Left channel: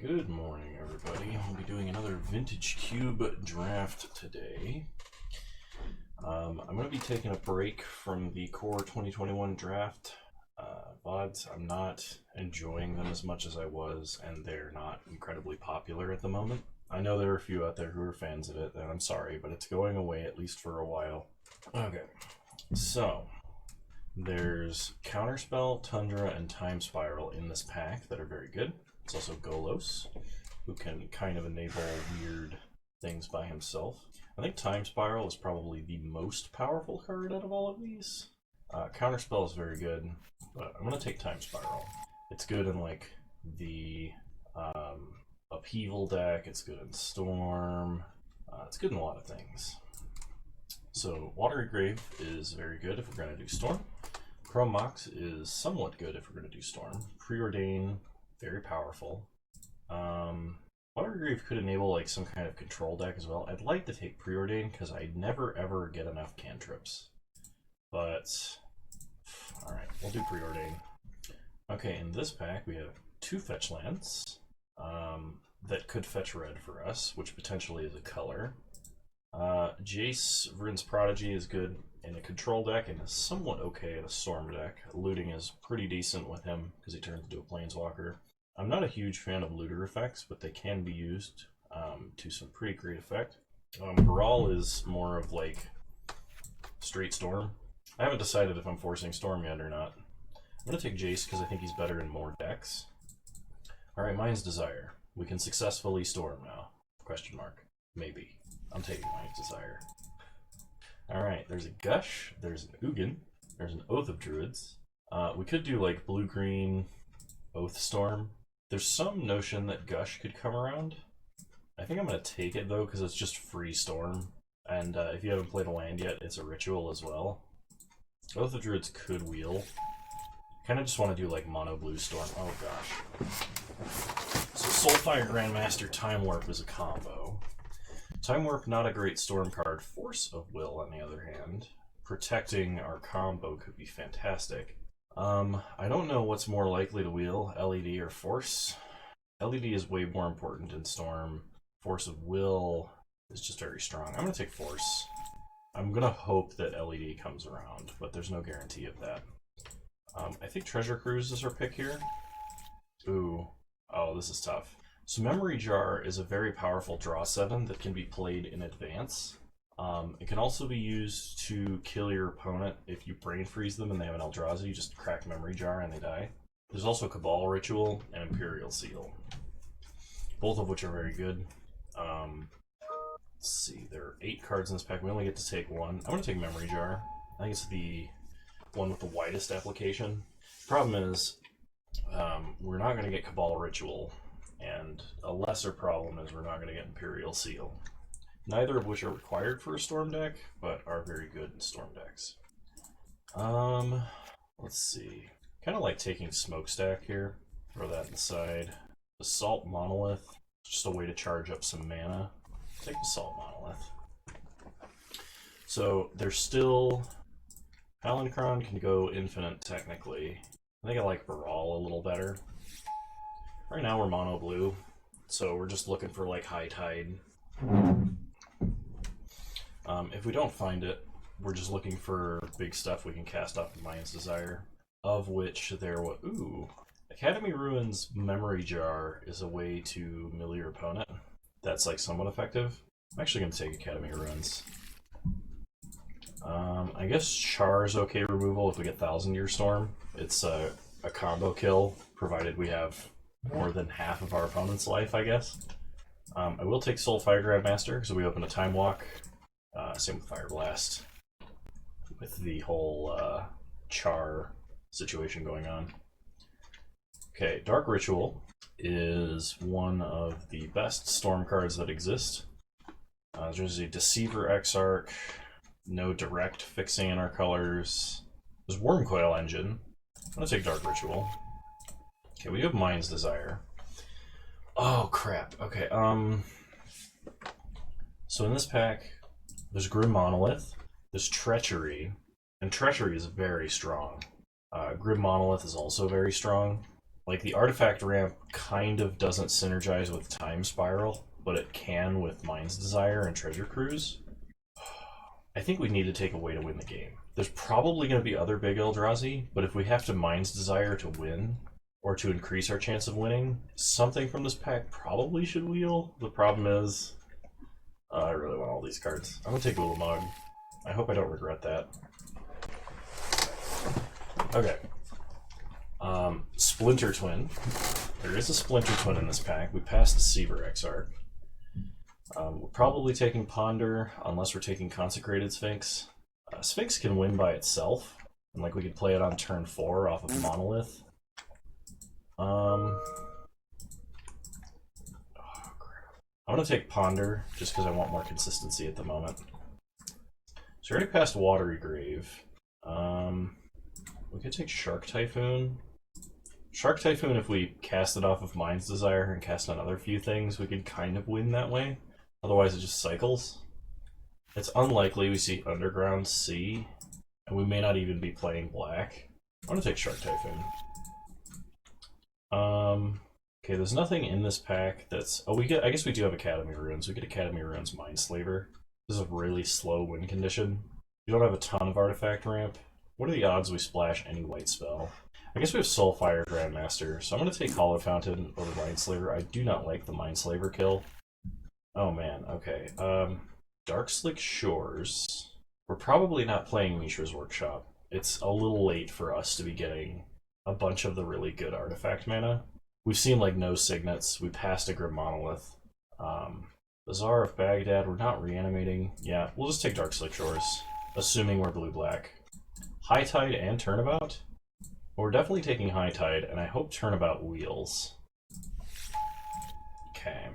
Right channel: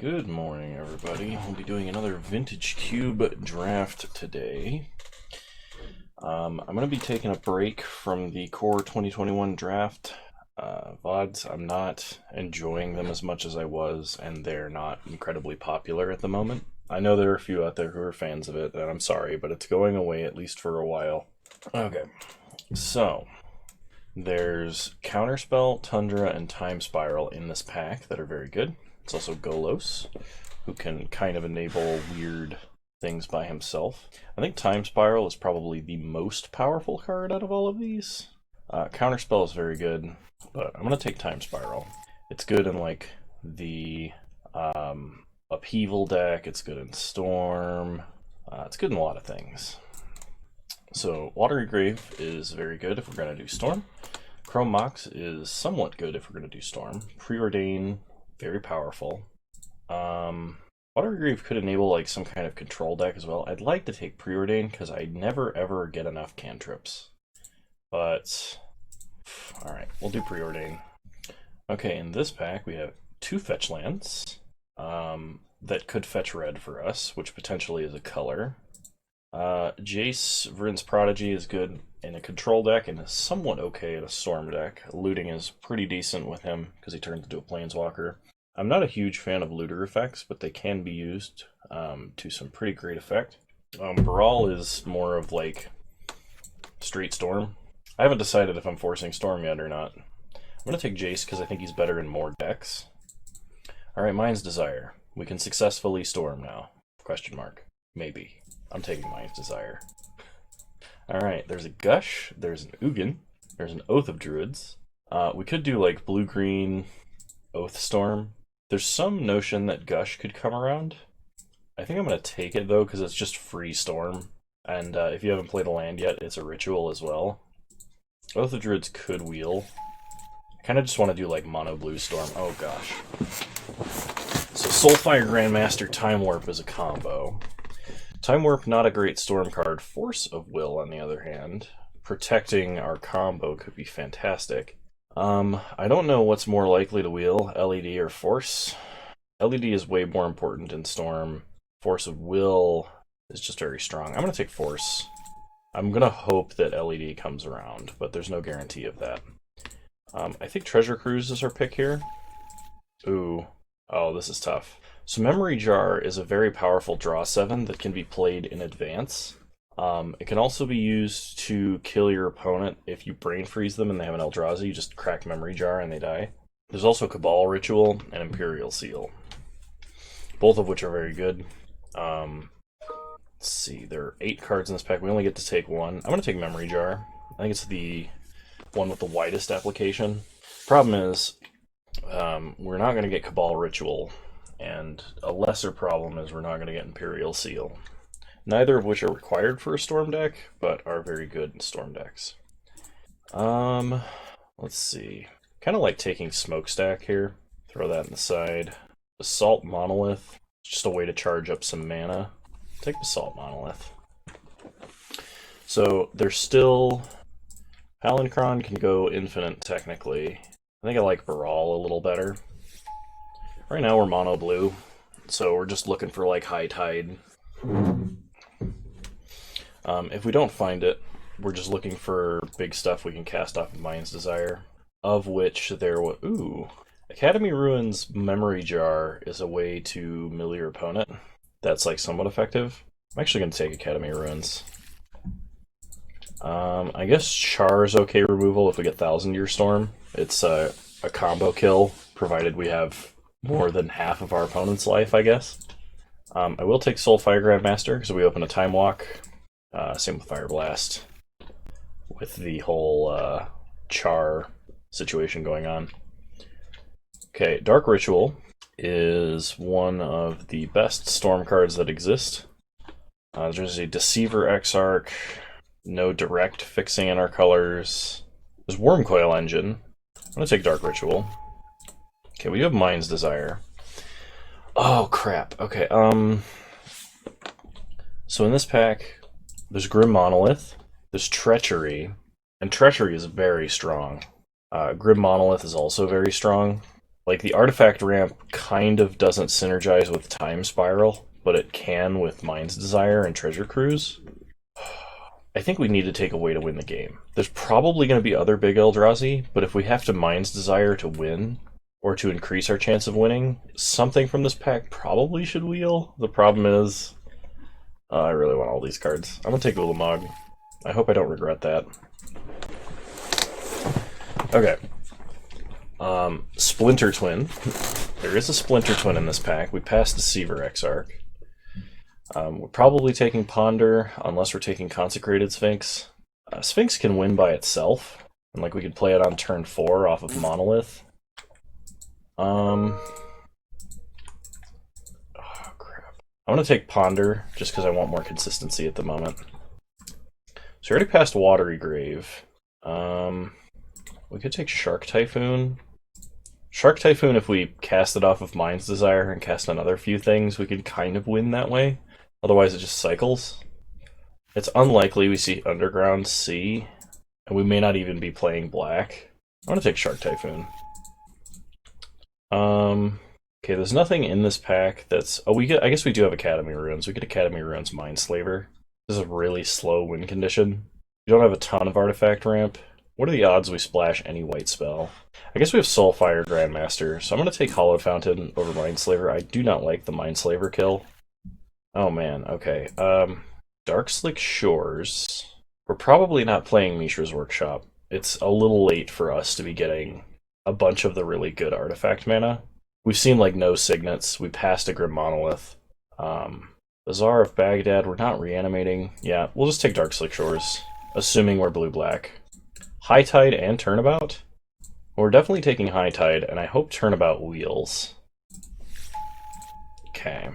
Good morning, everybody. We'll be doing another Vintage Cube draft today. I'm going to be taking a break from the Core 2021 draft VODs. I'm not enjoying them as much as I was, and they're not incredibly popular at the moment. I know there are a few out there who are fans of it, and I'm sorry, but it's going away at least for a while. Okay, so there's Counterspell, Tundra, and Time Spiral in this pack that are very good. It's also Golos, who can kind of enable weird things by himself. I think Time Spiral is probably the most powerful card out of all of these. Counterspell is very good, but I'm going to take Time Spiral. It's good in like the Upheaval deck, it's good in Storm, it's good in a lot of things. So Watery Grave is very good if we're going to do Storm. Chrome Mox is somewhat good if we're going to do Storm. Preordain, very powerful. Watery Grave could enable like some kind of control deck as well. I'd like to take Preordain because I never ever get enough cantrips. But, alright, we'll do Preordain. Okay, in this pack we have two fetch lands that could fetch red for us, which potentially is a color. Jace, Vryn's Prodigy is good in a control deck and is somewhat okay in a storm deck. Looting is pretty decent with him because he turns into a planeswalker. I'm not a huge fan of looter effects, but they can be used to some pretty great effect. Baral is more of like straight storm. I haven't decided if I'm forcing storm yet or not. I'm going to take Jace because I think he's better in more decks. Alright, Mind's Desire. We can successfully storm now. Question mark. Maybe. I'm taking Mind's Desire. Alright, there's a Gush, there's an Ugin, there's an Oath of Druids. We could do like blue-green Oath Storm. There's some notion that Gush could come around. I think I'm going to take it though because it's just free Storm. And if you haven't played a land yet, it's a ritual as well. Oath of Druids could wheel. I kind of just want to do like mono blue Storm. Oh gosh. So Soulfire Grandmaster Time Warp is a combo. Time Warp, not a great Storm card. Force of Will, on the other hand, protecting our combo could be fantastic. I don't know what's more likely to wheel, LED or Force. LED is way more important in Storm. Force of Will is just very strong. I'm going to take Force. I'm going to hope that LED comes around, but there's no guarantee of that. I think Treasure Cruise is our pick here. Ooh. Oh, this is tough. So Memory Jar is a very powerful draw 7 that can be played in advance. It can also be used to kill your opponent if you brain freeze them and they have an Eldrazi. You just crack Memory Jar and they die. There's also Cabal Ritual and Imperial Seal, both of which are very good. Let's see, there are 8 cards in this pack. We only get to take one. I'm going to take Memory Jar. I think it's the one with the widest application. Problem is, we're not going to get Cabal Ritual, and a lesser problem is we're not going to get Imperial Seal. Neither of which are required for a Storm deck, but are very good in Storm decks. Let's see. Kind of like taking Smokestack here. Throw that in the side. Assault Monolith. Just a way to charge up some mana. Take Assault Monolith. So there's still... Palancron can go infinite technically. I think I like Baral a little better. Right now we're mono blue, so we're just looking for like High Tide. If we don't find it, we're just looking for big stuff we can cast off of Mind's Desire, of which there was... Ooh. Academy Ruins Memory Jar is a way to mill your opponent. That's like somewhat effective. I'm actually going to take Academy Ruins. I guess Char is okay removal if we get Thousand Year Storm. It's a combo kill, provided we have more than half of our opponent's life, I guess. I will take Soulfire Grandmaster because we open a Time Walk. Same with Fire Blast, with the whole Char situation going on. Okay, Dark Ritual is one of the best Storm cards that exist. There's a Deceiver Exarch, no direct fixing in our colors. There's Wormcoil Engine. I'm going to take Dark Ritual. Okay, we do have Mind's Desire. Oh, crap. Okay, so in this pack, there's Grim Monolith, there's Treachery, and Treachery is very strong. Grim Monolith is also very strong. Like, the artifact ramp kind of doesn't synergize with Time Spiral, but it can with Mind's Desire and Treasure Cruise. I think we need to take a way to win the game. There's probably going to be other big Eldrazi, but if we have to Mind's Desire to win, or to increase our chance of winning, something from this pack probably should wheel. The problem is, I really want all these cards. I'm going to take Ulamog. I hope I don't regret that. Okay. Splinter Twin. There is a Splinter Twin in this pack. We passed the Seaver Exarch. We're probably taking Ponder, unless we're taking Consecrated Sphinx. Sphinx can win by itself, and like we could play it on turn 4 off of Monolith. Oh crap. I'm gonna take Ponder, just because I want more consistency at the moment. So we already passed Watery Grave. We could take Shark Typhoon. Shark Typhoon, if we cast it off of Mind's Desire and cast another few things, we could kind of win that way. Otherwise it just cycles. It's unlikely we see Underground Sea, and we may not even be playing black. I'm gonna take Shark Typhoon. Okay, there's nothing in this pack that's... Oh, I guess we do have Academy Ruins. We get Academy Ruins Mindslaver. This is a really slow win condition. We don't have a ton of artifact ramp. What are the odds we splash any white spell? I guess we have Soulfire Grandmaster, so I'm going to take Hollow Fountain over Mindslaver. I do not like the Mindslaver kill. Oh man, okay. Darkslick Shores. We're probably not playing Mishra's Workshop. It's a little late for us to be getting a bunch of the really good artifact mana. We've seen like no signets. We passed a Grim Monolith. Bazaar of Baghdad, we're not reanimating. Yeah, we'll just take Darkslick Shores, assuming we're blue-black. High Tide and Turnabout? Well, we're definitely taking High Tide, and I hope Turnabout wheels. Okay.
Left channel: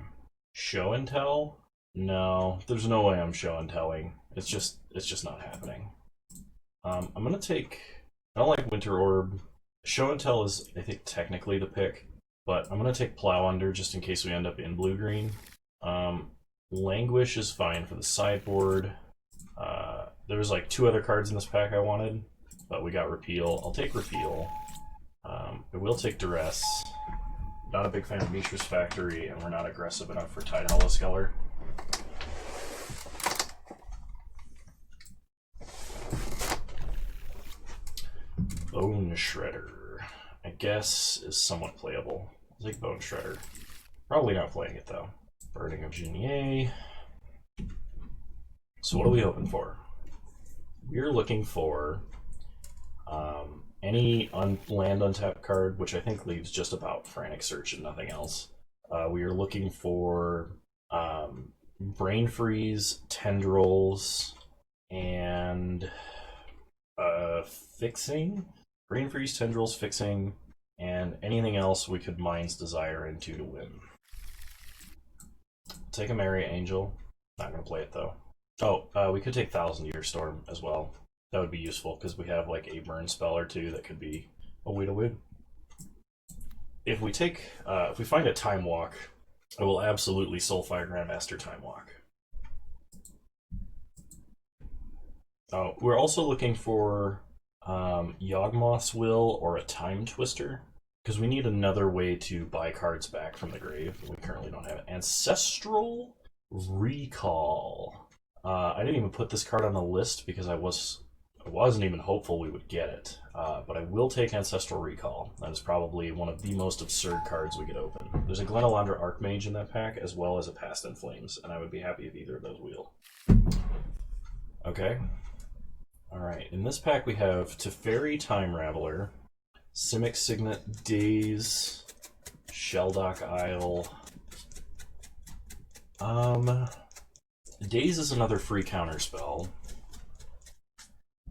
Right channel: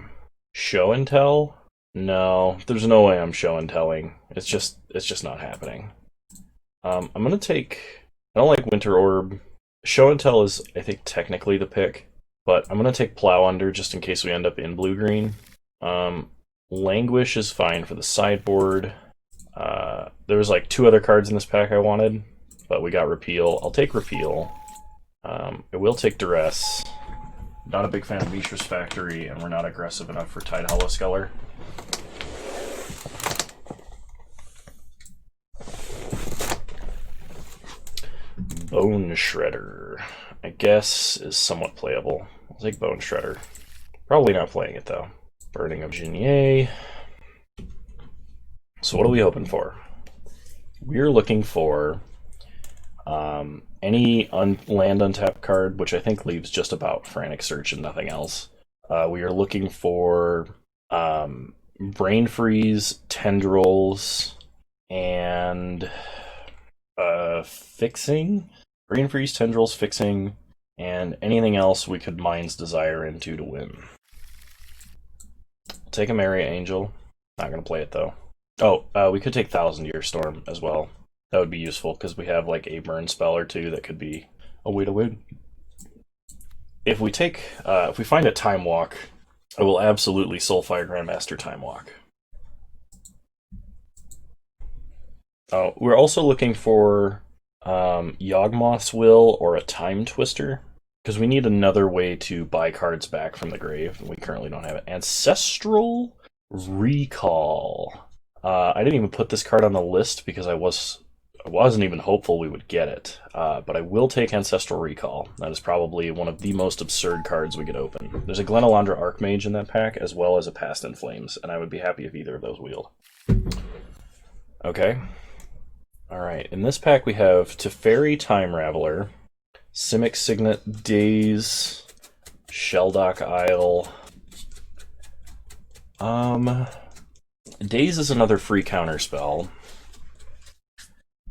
Show and Tell? No, there's no way I'm show and telling. It's just not happening. I'm gonna take... I don't like Winter Orb. Show and Tell is, I think, technically the pick, but I'm gonna take Plow Under just in case we end up in blue-green. Languish is fine for the sideboard. There's like 2 other cards in this pack I wanted, but we got Repeal. I'll take Repeal. I will take Duress. Not a big fan of Mishra's Factory, and we're not aggressive enough for Tide Hollow Skeller. Bone Shredder, I guess, is somewhat playable. I'll take Bone Shredder. Probably not playing it, though. Burning of Genier. So what are we hoping for? We're looking for any land untapped card, which I think leaves just about Frantic Search and nothing else. We are looking for Brain Freeze, Tendrils, and Fixing. Brain Freeze, Tendrils, Fixing, and anything else we could Mind's Desire into to win. Take a Merry Angel. Not going to play it, though. Oh, we could take Thousand Year Storm as well. That would be useful, because we have like a burn spell or 2 that could be a way to win. If we find a Time Walk, I will absolutely Soulfire Grandmaster Time Walk. Oh, we're also looking for Yawgmoth's Will or a Time Twister, because we need another way to buy cards back from the grave, and we currently don't have it. Ancestral Recall. I didn't even put this card on the list because I wasn't even hopeful we would get it, but I will take Ancestral Recall. That is probably one of the most absurd cards we could open. There's a Glenalandra Archmage in that pack, as well as a Past in Flames, and I would be happy if either of those wheeled. Okay. Alright, in this pack we have Teferi Time Raveler, Simic Signet, Daze, Shelldock Isle. Daze is another free counter spell.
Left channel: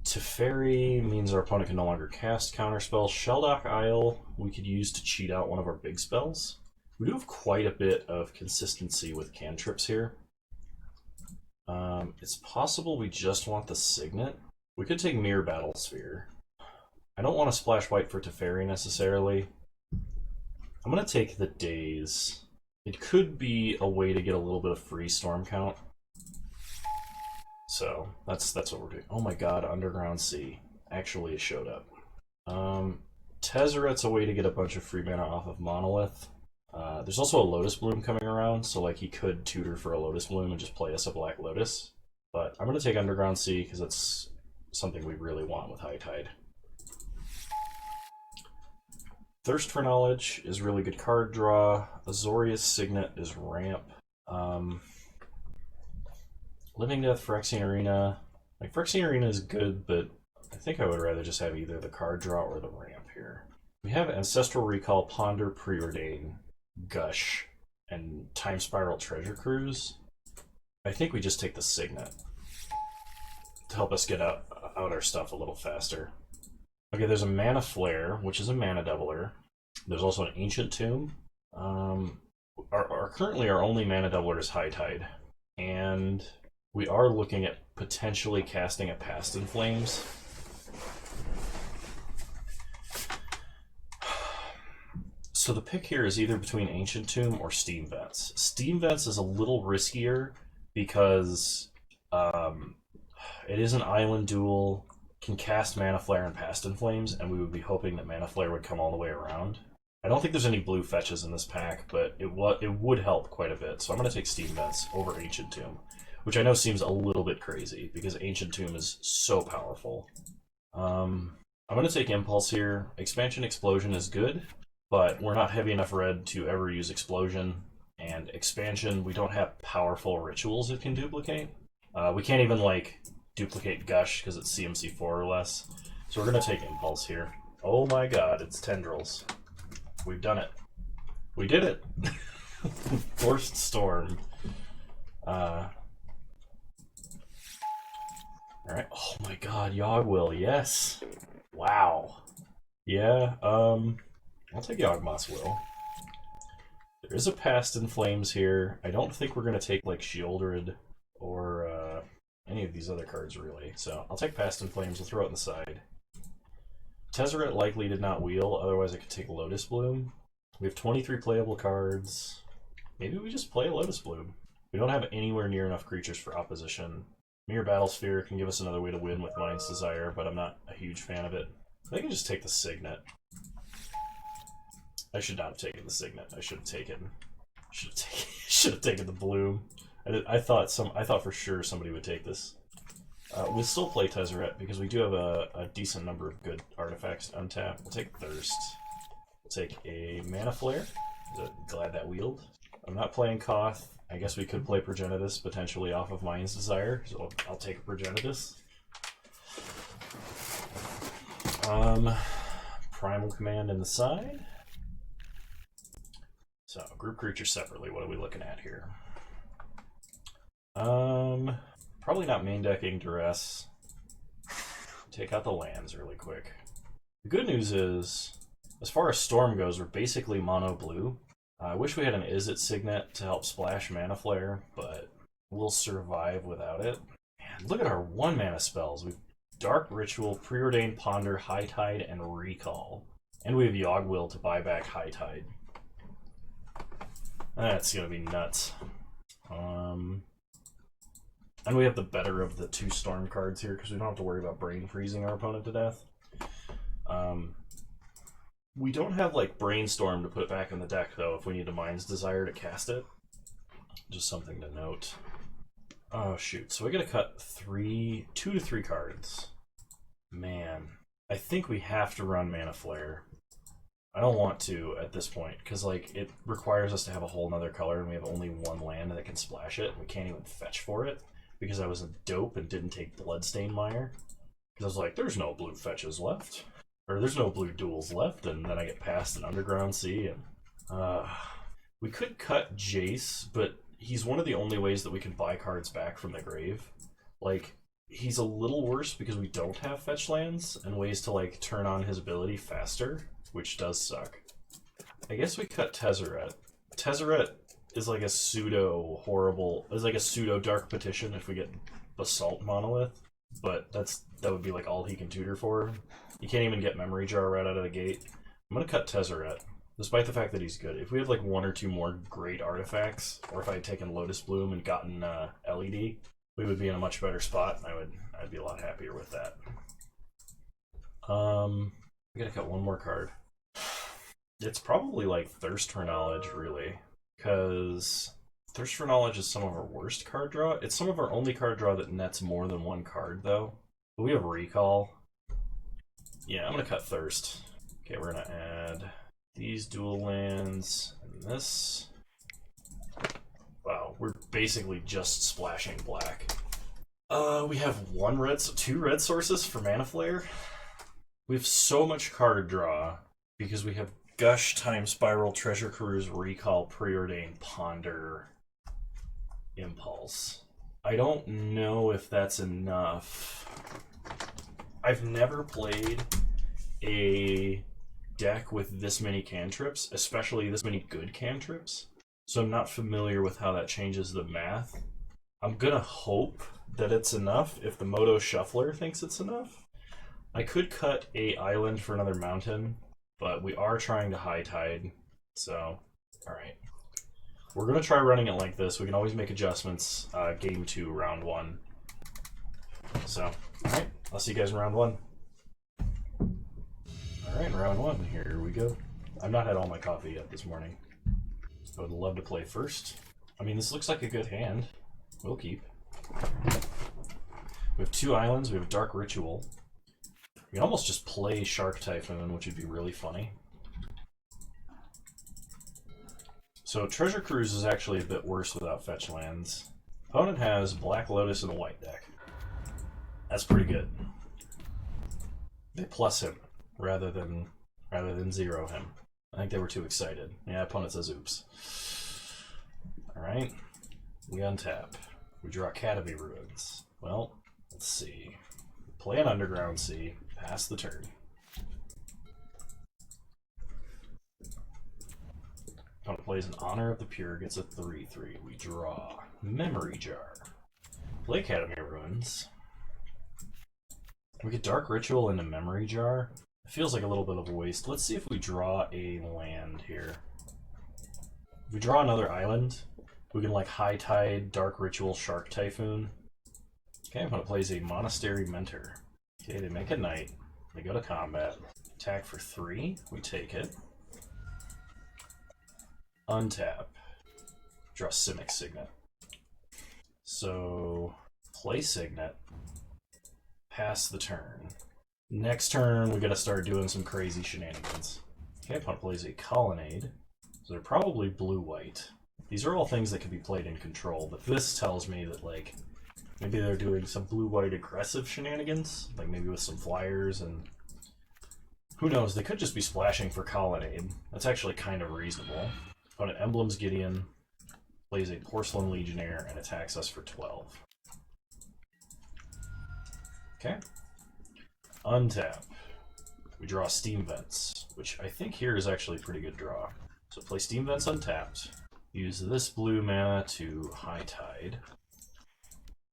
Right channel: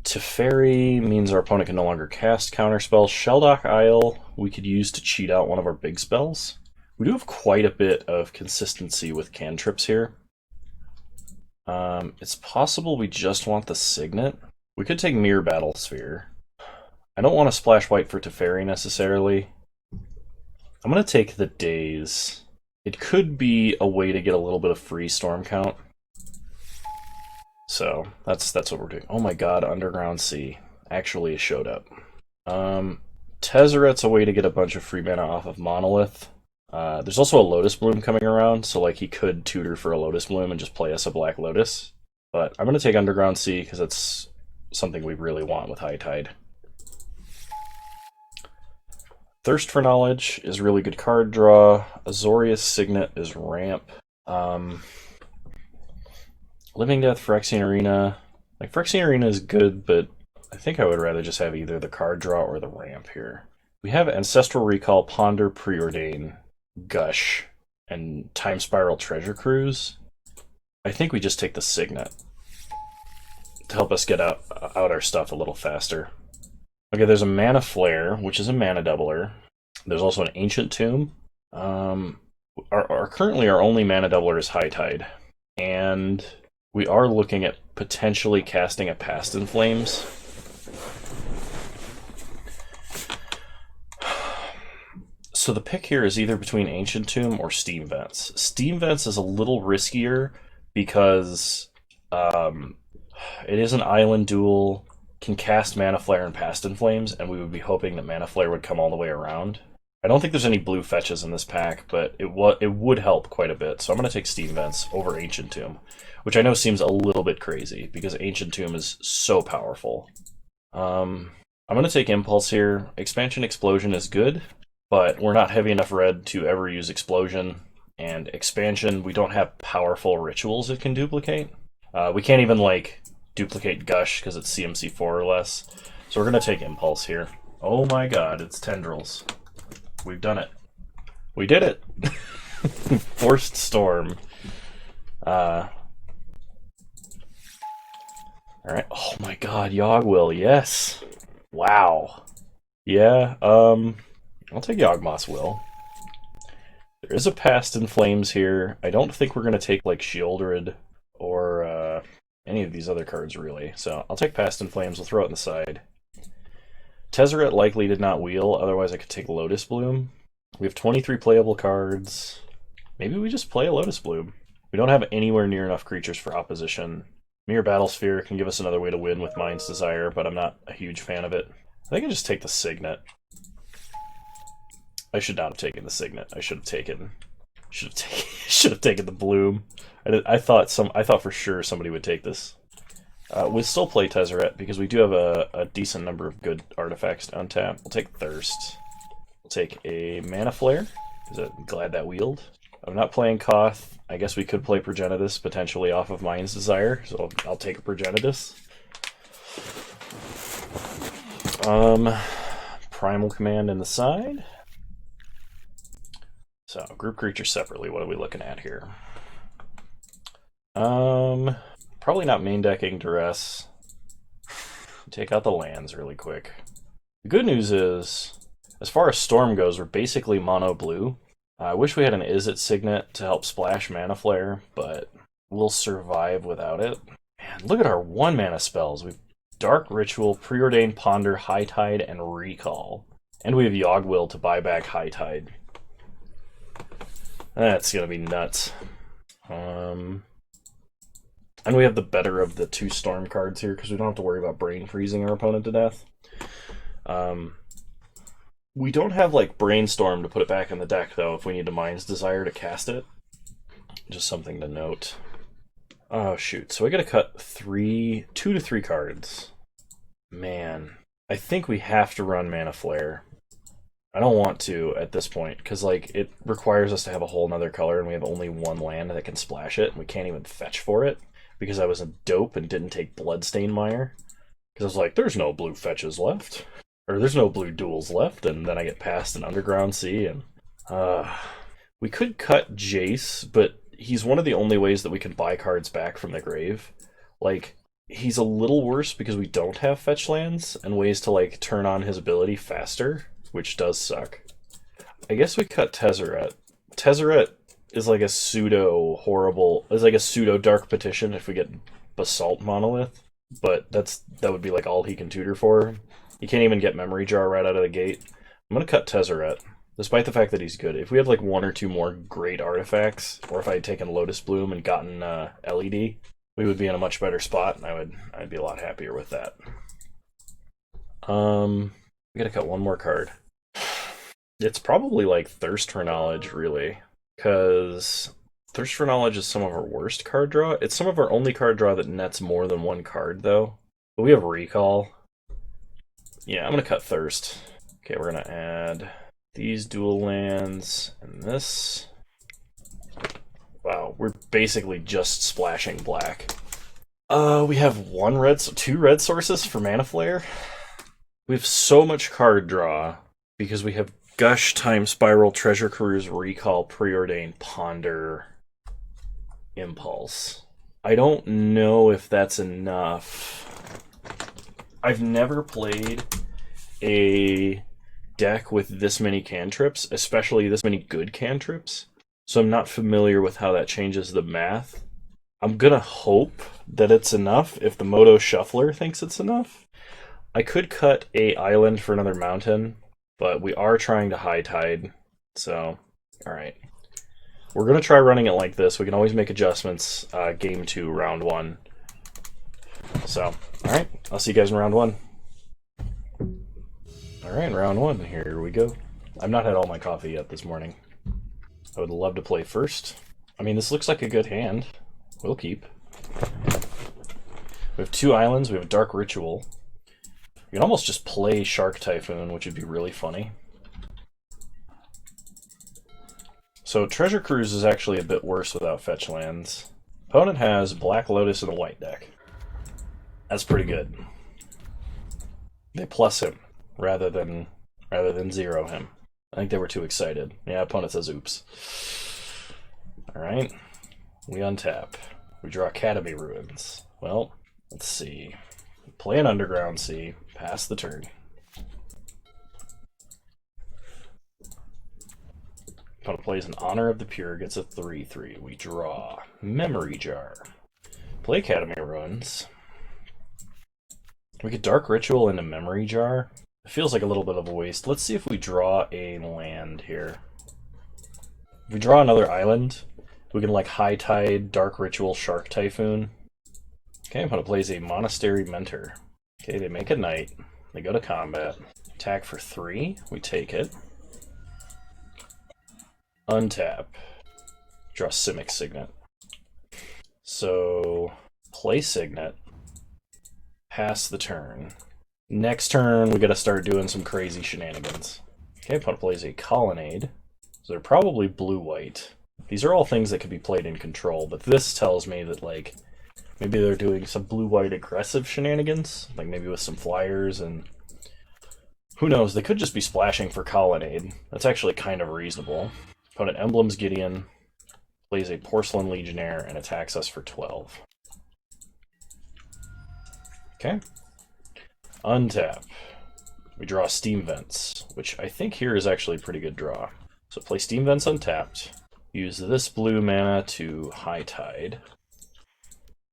Teferi means our opponent can no longer cast counter spells. Shelldock Isle we could use to cheat out one of our big spells. We do have quite a bit of consistency with cantrips here. It's possible we just want the Signet. We could take Mirror Battle Sphere. I don't want to splash white for Teferi necessarily. I'm going to take the Daze. It could be a way to get a little bit of free storm count. So that's what we're doing. Oh my god, Underground Sea actually showed up. Tezzeret's a way to get a bunch of free mana off of Monolith. There's also a Lotus Bloom coming around, so like he could tutor for a Lotus Bloom and just play us a Black Lotus. But I'm going to take Underground Sea because it's something we really want with High Tide. Thirst for Knowledge is really good card draw. Azorius Signet is ramp. Living Death, Phyrexian Arena. Like, Phyrexian Arena is good, but I think I would rather just have either the card draw or the ramp here. We have Ancestral Recall, Ponder, Preordain, Gush, and Time Spiral Treasure Cruise. I think we just take the Signet to help us get out our stuff a little faster. Okay, there's a Mana Flare, which is a mana doubler. There's also an Ancient Tomb. Currently our only mana doubler is High Tide. And we are looking at potentially casting a Past in Flames. So the pick here is either between Ancient Tomb or Steam Vents. Steam Vents is a little riskier because it is an island duel, can cast Mana Flare and Past in Flames, and we would be hoping that Mana Flare would come all the way around. I don't think there's any blue fetches in this pack, but it would help quite a bit. So I'm going to take Steam Vents over Ancient Tomb, which I know seems a little bit crazy because Ancient Tomb is so powerful. I'm going to take Impulse here. Expansion Explosion is good, but we're not heavy enough red to ever use Explosion. And Expansion, we don't have powerful rituals it can duplicate. We can't even, like, duplicate Gush because it's CMC 4 or less. So we're going to take Impulse here. Oh my god, it's Tendrils. We've done it. We did it! Forced Storm. Alright. Oh my god, Yawgwill, yes! Wow. Yeah, I'll take Yawgmoth's Will. There is a Past in Flames here. I don't think we're going to take, like, Sheoldred or any of these other cards, really. So I'll take Past in Flames. We'll throw it on the side. Tezzeret likely did not wheel, otherwise I could take Lotus Bloom. We have 23 playable cards. Maybe we just play a Lotus Bloom. We don't have anywhere near enough creatures for opposition. Mere Battlesphere can give us another way to win with Mind's Desire, but I'm not a huge fan of it. I think I just take the Signet. I should not have taken the Signet. I should have taken the Bloom. I thought for sure somebody would take this. We'll still play Tezzeret because we do have a decent number of good artifacts to untap. We'll take Thirst. We'll take a Mana Flare. Glad that wheeled. I'm not playing Koth. I guess we could play Progenitus potentially off of Mind's Desire, so I'll take a Progenitus. Primal Command in the side. So, group creatures separately, what are we looking at here? Probably not main decking Duress. Take out the lands really quick. The good news is, as far as Storm goes, we're basically mono blue. I wish we had an Izzet Signet to help splash Mana Flare, but we'll survive without it. Man, look at our 1-mana spells. We've Dark Ritual, Preordain, Ponder, High Tide, and Recall. And we have Yawgwill to buy back High Tide. That's gonna be nuts. And we have the better of the 2 Storm cards here because we don't have to worry about brain freezing our opponent to death. We don't have, like, Brainstorm to put it back in the deck, though, if we need a Mind's Desire to cast it. Just something to note. Oh, shoot. So we gotta cut 2 to 3 cards. Man. I think we have to run Mana Flare. I don't want to at this point, because, like, it requires us to have a whole nother color, and we have only 1 land that can splash it, and we can't even fetch for it, because I was a dope and didn't take Bloodstained Mire. Because I was like, there's no blue fetches left. Or there's no blue duels left, and then I get past an Underground Sea, and we could cut Jace, but he's one of the only ways that we can buy cards back from the grave. Like, he's a little worse because we don't have fetch lands and ways to, like, turn on his ability faster, which does suck. I guess we cut Tezzeret. Tezzeret is like a pseudo Dark Petition if we get Basalt Monolith, but that would be like all he can tutor for. He can't even get Memory Jar right out of the gate. I'm going to cut Tezzeret, despite the fact that he's good. If we had like 1 or 2 more great artifacts, or if I had taken Lotus Bloom and gotten LED, we would be in a much better spot, and I'd be a lot happier with that. We gotta cut one more card. It's probably like Thirst for Knowledge, really, because Thirst for Knowledge is some of our worst card draw. It's some of our only card draw that nets more than one card, though. But we have Recall. Yeah, I'm gonna cut Thirst. Okay, we're gonna add these dual lands and this. Wow, we're basically just splashing black. We have two red sources for Mana Flare. We have so much card draw because we have Gush, Time Spiral, Treasure Cruise, Recall, Preordain, Ponder, Impulse. I don't know if that's enough. I've never played a deck with this many cantrips, especially this many good cantrips, so I'm not familiar with how that changes the math. I'm gonna hope that it's enough if the Moto Shuffler thinks it's enough. I could cut a island for another mountain, but we are trying to high tide, so alright. We're gonna try running it like this. We can always make adjustments game 2, round 1. So, alright, I'll see you guys in round 1. Alright, round 1, here we go. I've not had all my coffee yet this morning. I would love to play first. I mean, this looks like a good hand. We'll keep. We have 2 islands, we have a Dark Ritual. We can almost just play Shark Typhoon, which would be really funny. So Treasure Cruise is actually a bit worse without fetch lands. Opponent has Black Lotus in the white deck. That's pretty good. They plus him rather than zero him. I think they were too excited. Yeah, opponent says oops. Alright. We untap. We draw Academy Ruins. Well, let's see. Play an Underground Sea. Pass the turn. Opponent plays an Honor of the Pure, gets a 3/3. We draw Memory Jar. Play Academy Ruins. We get Dark Ritual into Memory Jar. It feels like a little bit of a waste. Let's see if we draw a land here. If we draw another island, we can like High Tide, Dark Ritual, Shark Typhoon. Okay, opponent plays a Monastery Mentor. Okay, they make a knight. They go to combat. Attack for 3. We take it. Untap. Draw Simic Signet. So, play Signet. Pass the turn. Next turn, we gotta start doing some crazy shenanigans. Okay, opponent plays a Colonnade. So they're probably blue-white. These are all things that could be played in control, but this tells me that, like, maybe they're doing some blue-white aggressive shenanigans, like maybe with some flyers, and who knows, they could just be splashing for Colonnade. That's actually kind of reasonable. Opponent Emblems Gideon, plays a Porcelain Legionnaire, and attacks us for 12. Okay. Untap. We draw Steam Vents, which I think here is actually a pretty good draw. So play Steam Vents untapped. Use this blue mana to High Tide.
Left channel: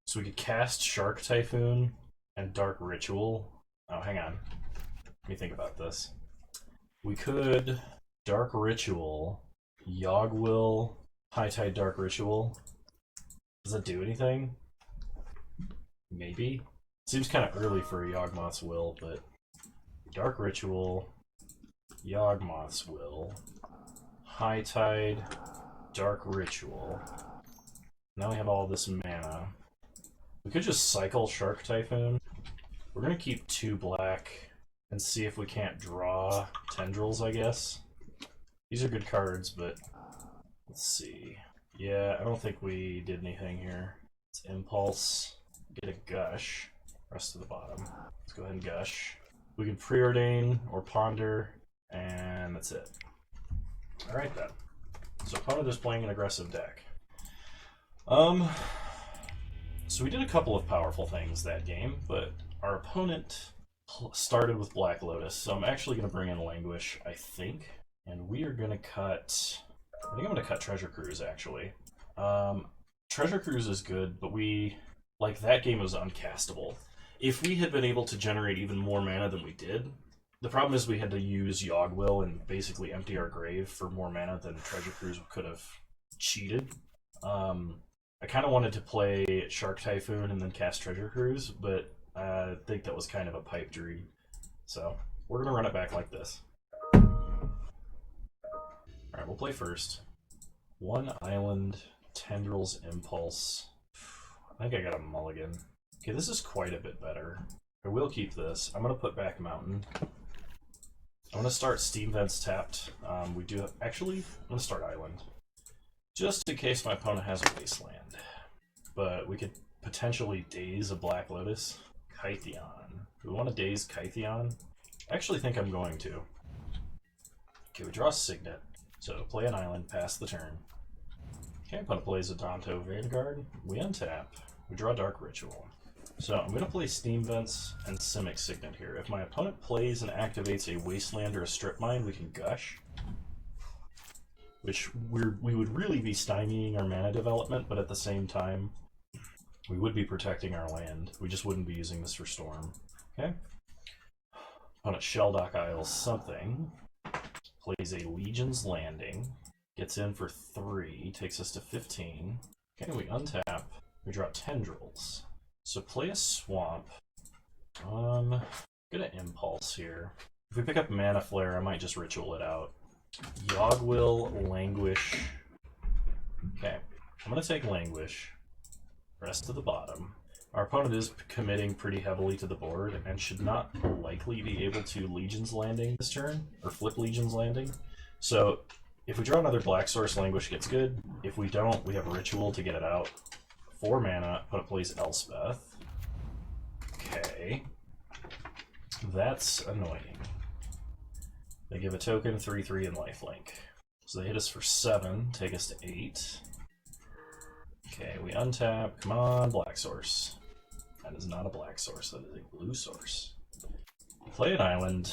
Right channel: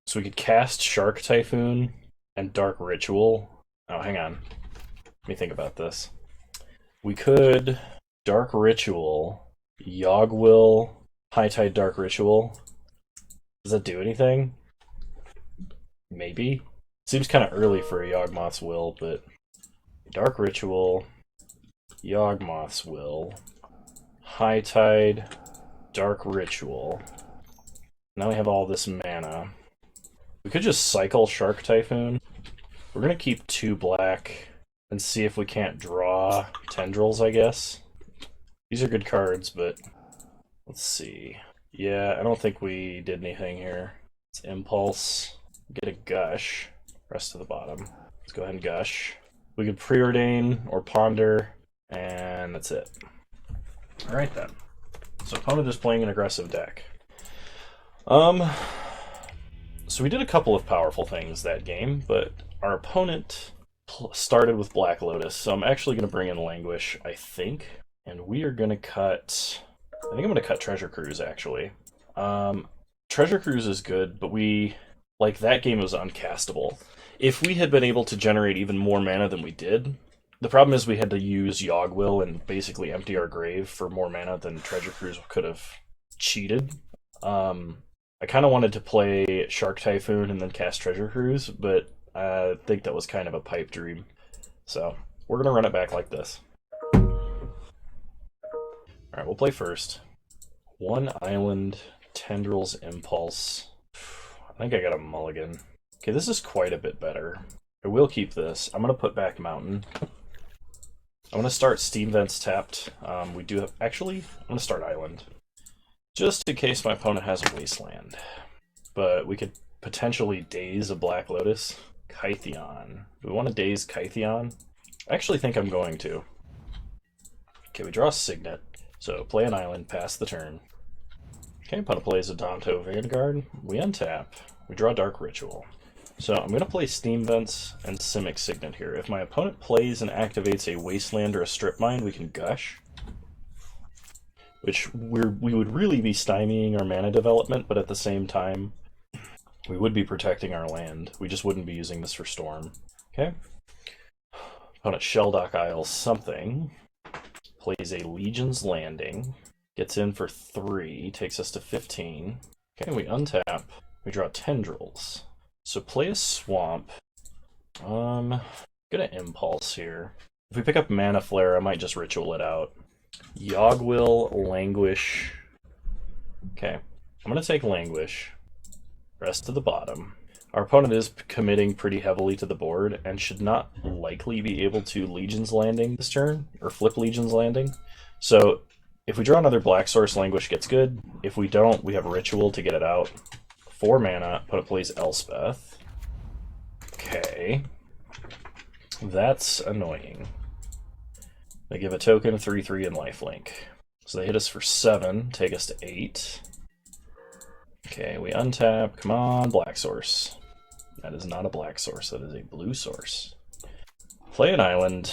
So we could cast Shark Typhoon and Dark Ritual. Oh, hang on. Let me think about this. We could Dark Ritual, Yogwill, High Tide Dark Ritual. Does that do anything? Maybe. Seems kind of early for a Yawgmoth's Will, but Dark Ritual, Yawgmoth's Will, High Tide, Dark Ritual. Now we have all this mana. We could just cycle Shark Typhoon. We're going to keep 2 black and see if we can't draw Tendrils, I guess. These are good cards, but let's see. Yeah, I don't think we did anything here. It's Impulse. Get a Gush. Rest of the bottom. Let's go ahead and Gush. We can Preordain or Ponder, and that's it. Alright then. So opponent is playing an aggressive deck. So we did a couple of powerful things that game, but our opponent started with Black Lotus, so I'm actually going to bring in Languish, I think. And we are going to cut... I think I'm going to cut Treasure Cruise, actually. Treasure Cruise is good, but that game was uncastable. If we had been able to generate even more mana than we did, the problem is we had to use Yogwill and basically empty our grave for more mana than Treasure Cruise could have cheated. I kind of wanted to play Shark Typhoon and then cast Treasure Cruise, but I think that was kind of a pipe dream. So, we're gonna run it back like this. Alright, we'll play first. 1 island, Tendrils Impulse. I think I got a mulligan. Okay, this is quite a bit better. I will keep this. I'm gonna put back Mountain. I'm gonna start Steam Vents tapped. We do have, actually, I'm gonna start Island. Just in case my opponent has Wasteland. But we could potentially daze a Black Lotus. Kytheon. Do we want to daze Kytheon? I actually think I'm going to. Okay, we draw a Signet. So play an island, pass the turn. Okay, opponent plays a Danto Vanguard. We untap. We draw Dark Ritual. So I'm going to play Steam Vents and Simic Signet here. If my opponent plays and activates a Wasteland or a Strip Mine, we can Gush. Which we would really be stymieing our mana development, but at the same time, we would be protecting our land. We just wouldn't be using this for Storm. Okay? Opponent Shelldock Isles something. Plays a Legion's Landing. Gets in for 3. Takes us to 15. Okay, we untap. We draw Tendrils. So play a Swamp. Gonna Impulse here. If we pick up Mana Flare, I might just Ritual it out. Yogwill, Languish. Okay, I'm gonna take Languish. Rest to the bottom. Our opponent is committing pretty heavily to the board and should not likely be able to Legion's Landing this turn, or flip Legion's Landing. So if we draw another Black Source, Languish gets good. If we don't, we have a Ritual to get it out. 4 mana, opponent plays Elspeth. Okay. That's annoying. They give a token, 3/3, and lifelink. So they hit us for 7, take us to 8. Okay, we untap. Come on, Black Source. That is not a Black Source, that is a Blue Source. Play an island.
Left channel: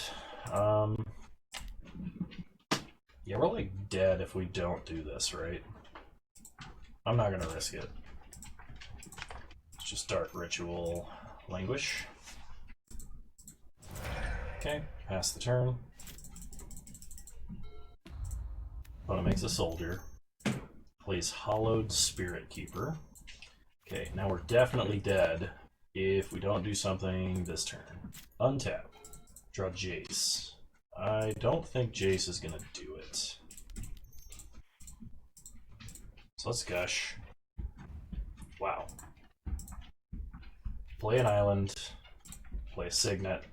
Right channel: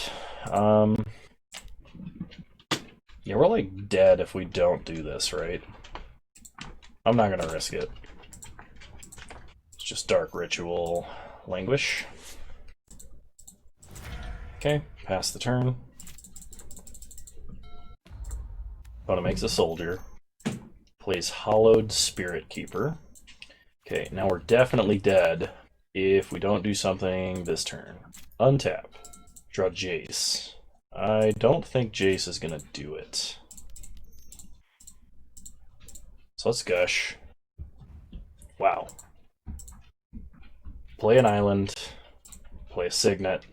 Yeah, we're like dead if we don't do this, right? I'm not gonna risk it. It's just Dark Ritual, Languish. Okay, pass the turn. Opponent makes a Soldier. Plays Hollowed Spirit Keeper. Okay, now we're definitely dead if we don't do something this turn. Untap. Draw Jace. I don't think Jace is gonna do it. So let's Gush. Wow. Play an island. Play a Signet.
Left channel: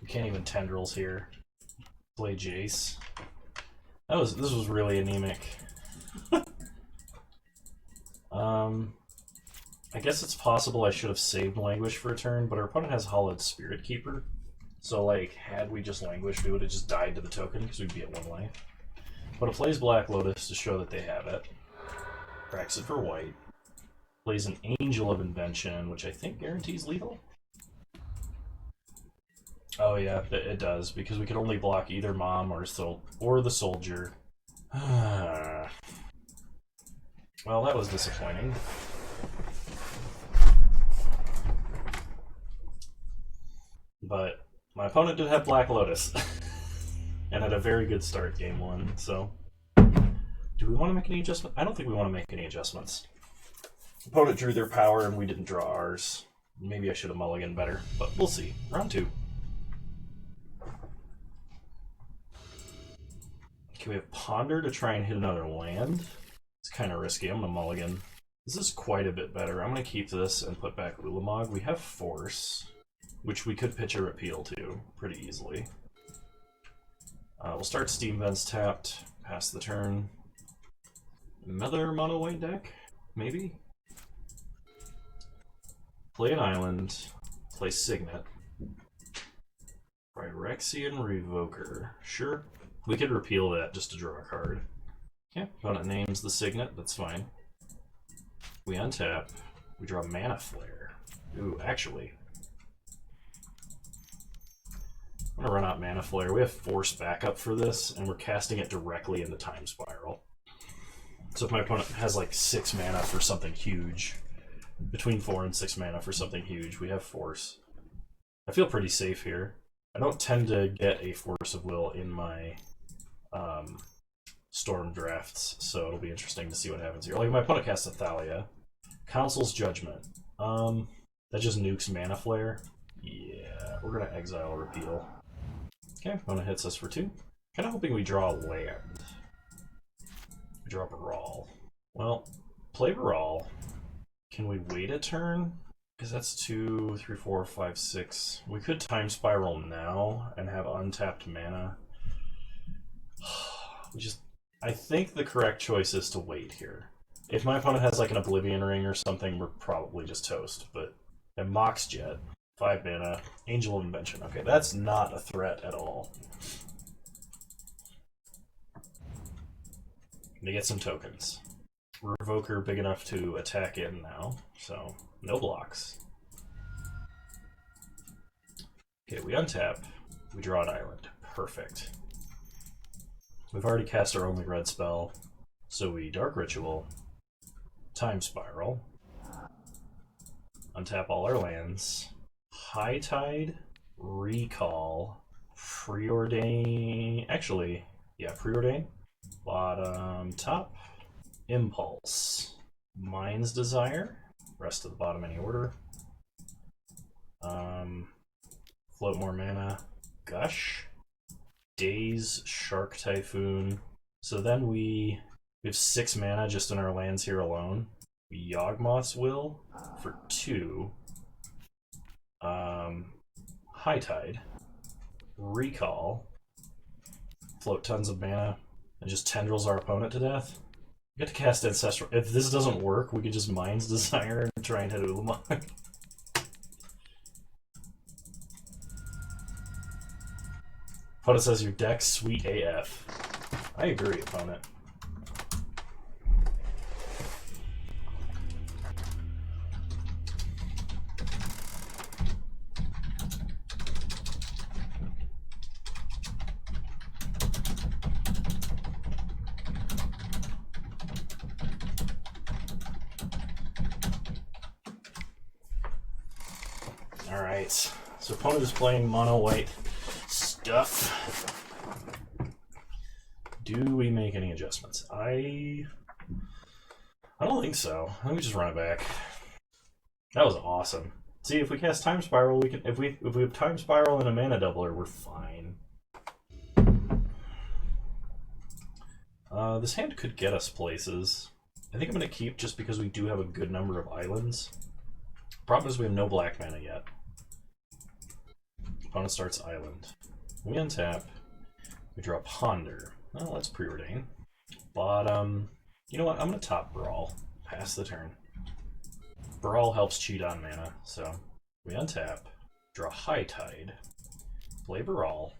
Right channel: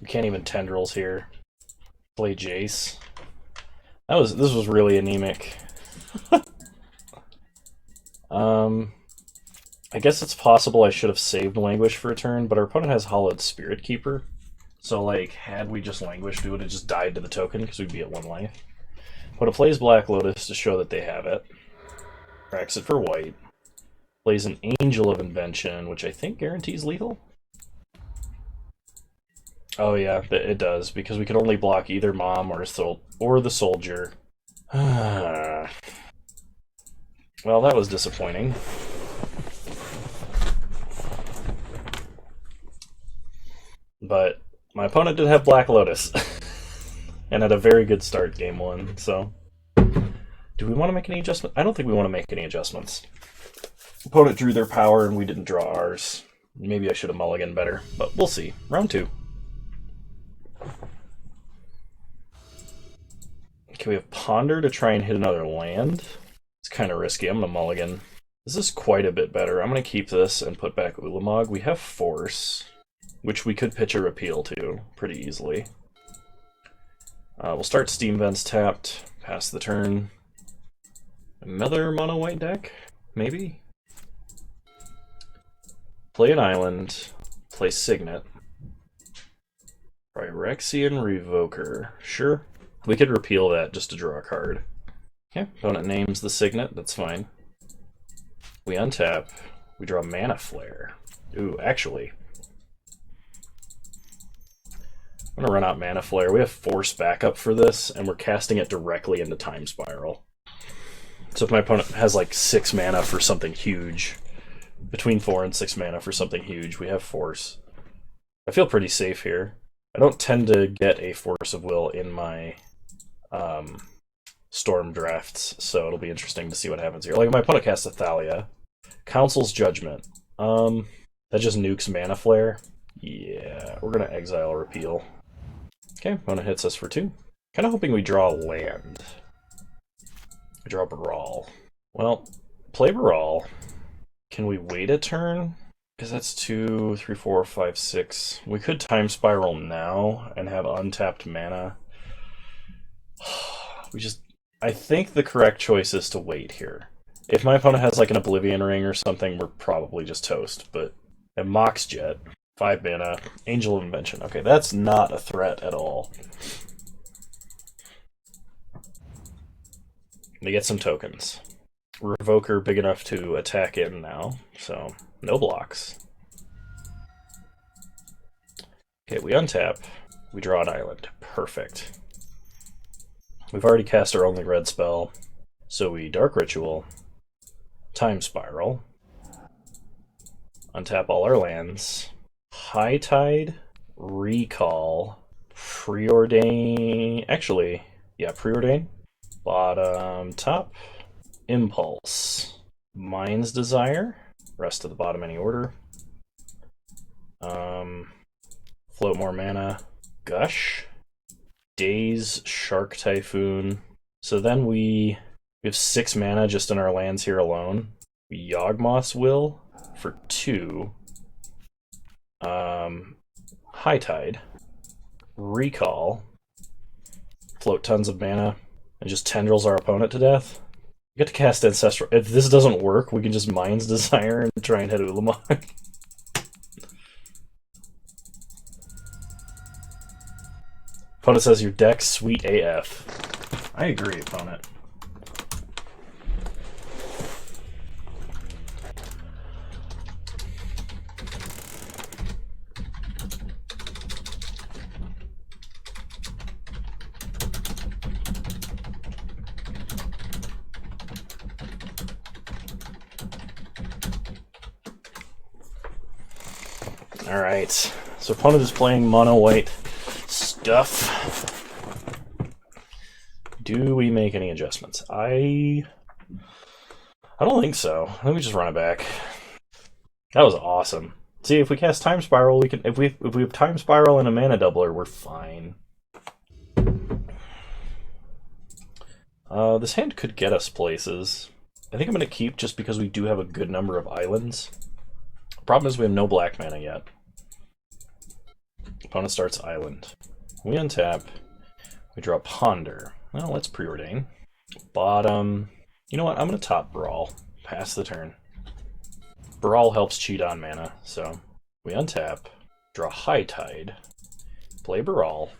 We can't even Tendrils here. Play Jace. This was really anemic. I guess it's possible I should have saved Languish for a turn, but our opponent has Hollowed Spirit Keeper. So, like, had we just Languished, we would have just died to the token because we'd be at 1 life. But it plays Black Lotus to show that they have it. Cracks it for white. Plays an Angel of Invention, which I think guarantees lethal. Oh yeah, it does, because we can only block either Mom or the Soldier. Well, that was disappointing. But my opponent did have Black Lotus. And had a very good start game 1, so... Do we want to make any adjustments? I don't think we want to make any adjustments. Opponent drew their power and we didn't draw ours. Maybe I should have mulliganed better, but we'll see. Round 2. Okay, we have Ponder to try and hit another land. It's kind of risky. I'm going to mulligan. This is quite a bit better. I'm going to keep this and put back Ulamog. We have Force, which we could pitch a Repeal to pretty easily. We'll start Steam Vents tapped, pass the turn. Another mono white deck, maybe? Play an island, play Signet. Phyrexian Revoker, sure. We could repeal that just to draw a card. Okay, opponent names the Signet, that's fine. We untap, we draw Mana Flare. Ooh, actually. I'm gonna run out Mana Flare. We have Force backup for this, and we're casting it directly into Time Spiral. So if my opponent has like 6 mana for something huge, between 4 and 6 mana for something huge, we have Force. I feel pretty safe here. I don't tend to get a Force of Will in my Storm drafts, so it'll be interesting to see what happens here. Like my opponent casts Athalia. Council's Judgment. That just nukes Mana Flare. Yeah, we're gonna exile Repeal. Okay, opponent hits us for 2. Kind of hoping we draw land. We draw Brawl. Well, play Brawl. Can we wait a turn? Because that's 2, 3, 4, 5, 6. We could Time Spiral now and have untapped mana. I think the correct choice is to wait here. If my opponent has like an Oblivion Ring or something, we're probably just toast. But at Mox Jet, 5 mana, Angel of Invention. Okay, that's not a threat at all. They get some tokens. Revoker big enough to attack in now, so no blocks. Okay, we untap. We draw an island. Perfect. We've already cast our only red spell, so we Dark Ritual, Time Spiral, untap all our lands, High Tide, Recall, Preordain. Actually, yeah, Preordain. Bottom, top, Impulse, Mind's Desire, rest of the bottom any order. Float more mana, Gush, Daze, Shark Typhoon. So then we have 6 mana just in our lands here alone. Yawgmoth's Will for 2. High Tide, Recall, float tons of mana, and just tendrils our opponent to death. We get to cast Ancestral. If this doesn't work, we can just Mind's Desire and try and hit Ulamog. Opponent says your deck's sweet AF. I agree, opponent. Alright, so opponent is playing mono white stuff. Do we make any adjustments? I don't think so. Let me just run it back. That was awesome. See, if we cast Time Spiral, we can. If we have Time Spiral and a mana doubler, we're fine. This hand could get us places. I think I'm going to keep just because we do have a good number of islands. Problem is we have no black mana yet. Opponent starts island. We untap. We draw Ponder. Well, let's preordain. Bottom. You know what? I'm going to top Brawl. Pass the turn. Brawl helps cheat on mana, so we untap. Draw High Tide. Play Brawl.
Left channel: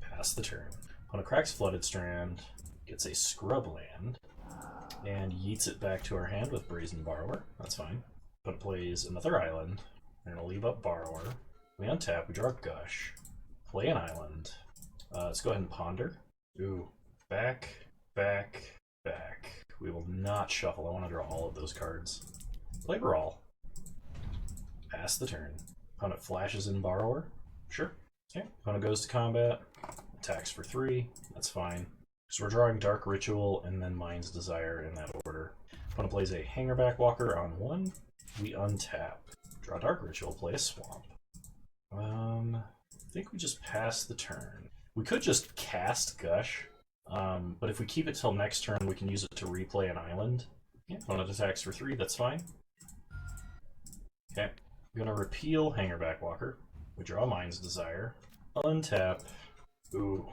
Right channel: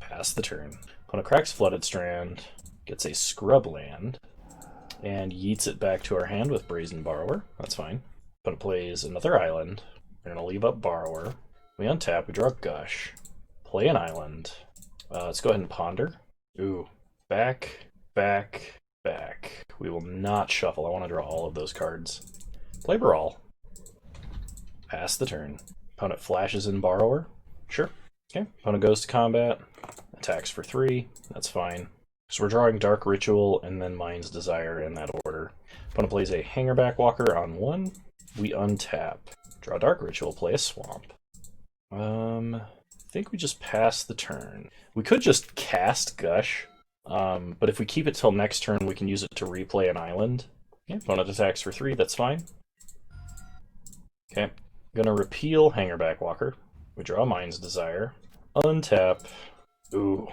Pass the turn. Opponent cracks Flooded Strand. Gets a scrub land. And yeets it back to our hand with Brazen Borrower. That's fine. Opponent plays another island. We're going to leave up Borrower. We untap, we draw Gush, play an island. Let's go ahead and Ponder. Ooh, back, back, back. We will not shuffle. I want to draw all of those cards. Play Brawl. Pass the turn. Opponent flashes in Borrower. Sure. Okay. Opponent goes to combat. Attacks for 3. That's fine. So we're drawing Dark Ritual and then Mind's Desire in that order. Opponent plays a Hangerback Walker on 1. We untap. Draw Dark Ritual, play a Swamp. I think we just pass the turn. We could just cast Gush, but if we keep it till next turn, we can use it to replay an island. Okay, opponent attacks for 3, that's fine. Okay, I'm gonna repeal Hangerback Walker. We draw Mind's Desire. Untap. Ooh,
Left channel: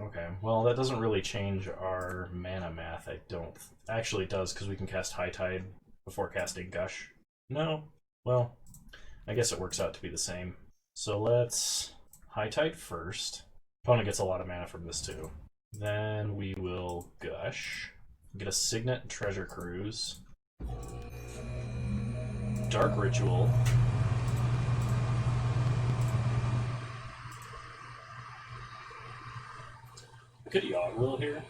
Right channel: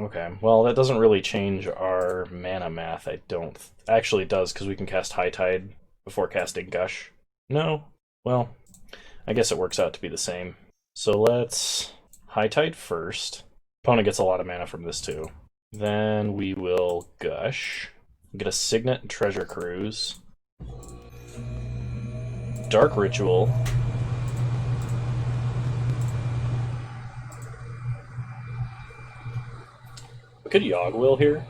okay. Well, that doesn't really change our mana math, I don't... Actually, it does, because we can cast High Tide before casting Gush. No? Well, I guess it works out to be the same. So let's High Tide first. Opponent gets a lot of mana from this too. Then we will Gush. Get a Signet and Treasure Cruise. Dark Ritual. We could Yawgwill here.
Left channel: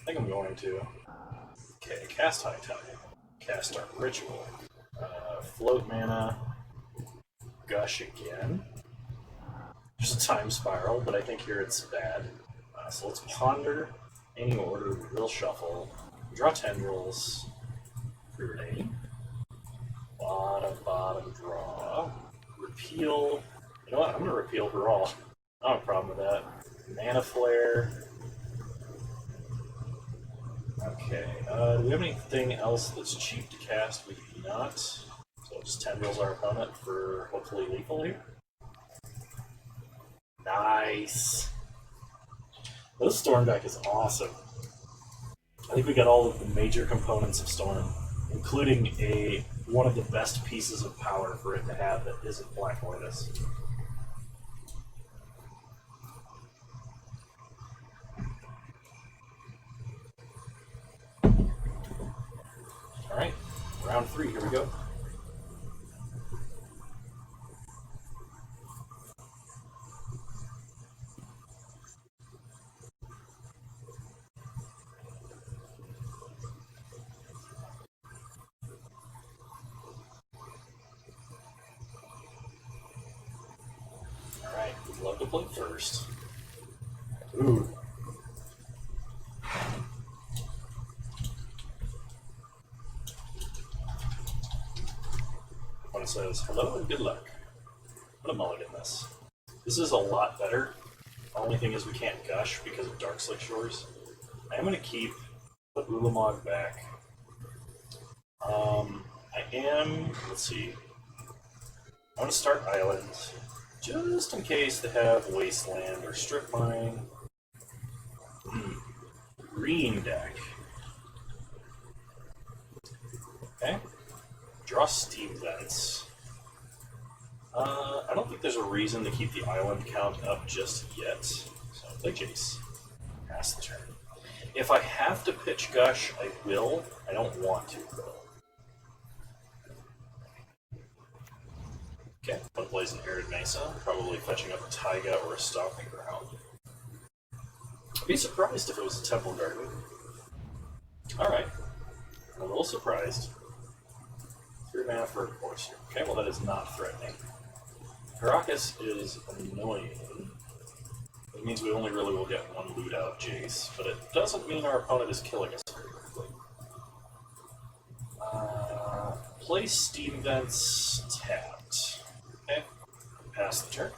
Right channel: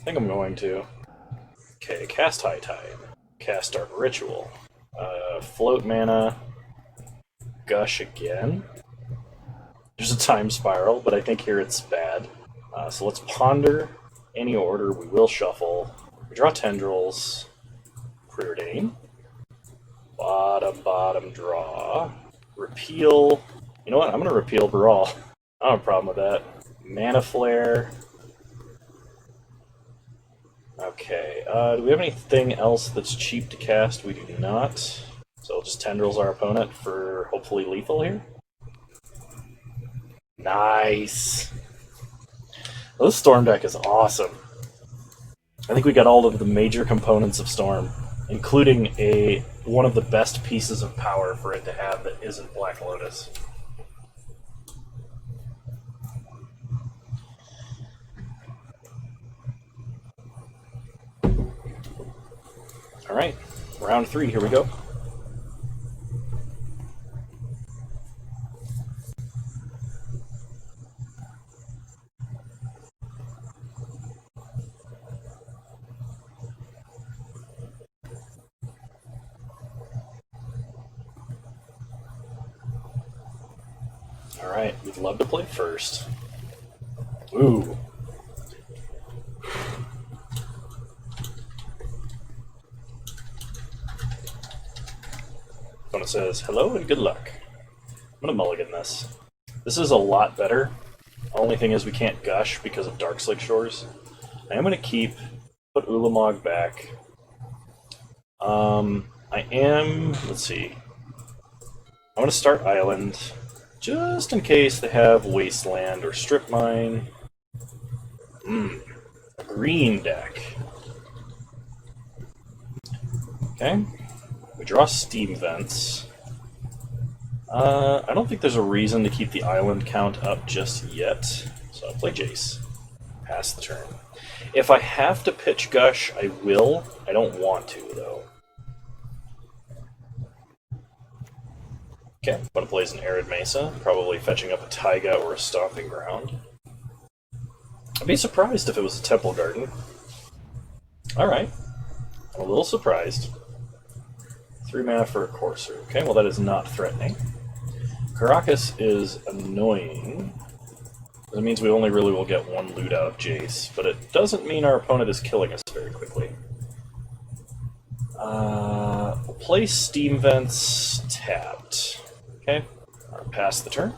I think I'm going to. Okay, cast High Tide. Cast Dark Ritual. Float mana. Gush again. There's a Time Spiral, but I think here it's bad. So let's Ponder. Any order, we will shuffle. We draw Tendrils. Preordain. Bottom, bottom, draw. Repeal. You know what? I'm going to repeal Brawl. I don't have a problem with that. Mana Flare. Okay, do we have anything else that's cheap to cast? We do not. So we'll just Tendrils our opponent for hopefully lethal here. Nice! This Storm deck is awesome. I think we got all of the major components of Storm, including one of the best pieces of power for it to have that isn't Black Lotus. Alright, round 3, here we go. Alright, we'd love to play first. Ooh. Opponent says, hello and good luck. I'm gonna mulligan this. This is a lot better. The only thing is we can't gush because of Darkslick Shores. I am gonna put Ulamog back. Let's see. I'm gonna start Island, just in case they have Wasteland or Strip Mine. A green deck. Okay. We draw Steam Vents. I don't think there's a reason to keep the island count up just yet, so I'll play Jace. Pass the turn. If I have to pitch Gush, I will. I don't want to, though. Okay, but it plays an Arid Mesa, probably fetching up a Taiga or a Stomping Ground. I'd be surprised if it was a Temple Garden. Alright. I'm a little surprised. 3 mana for a Courser. Okay, well that is not threatening. Caracas is annoying. That means we only really will get 1 loot out of Jace, but it doesn't mean our opponent is killing us very quickly. We'll play Steam Vents tapped. Okay, pass the turn.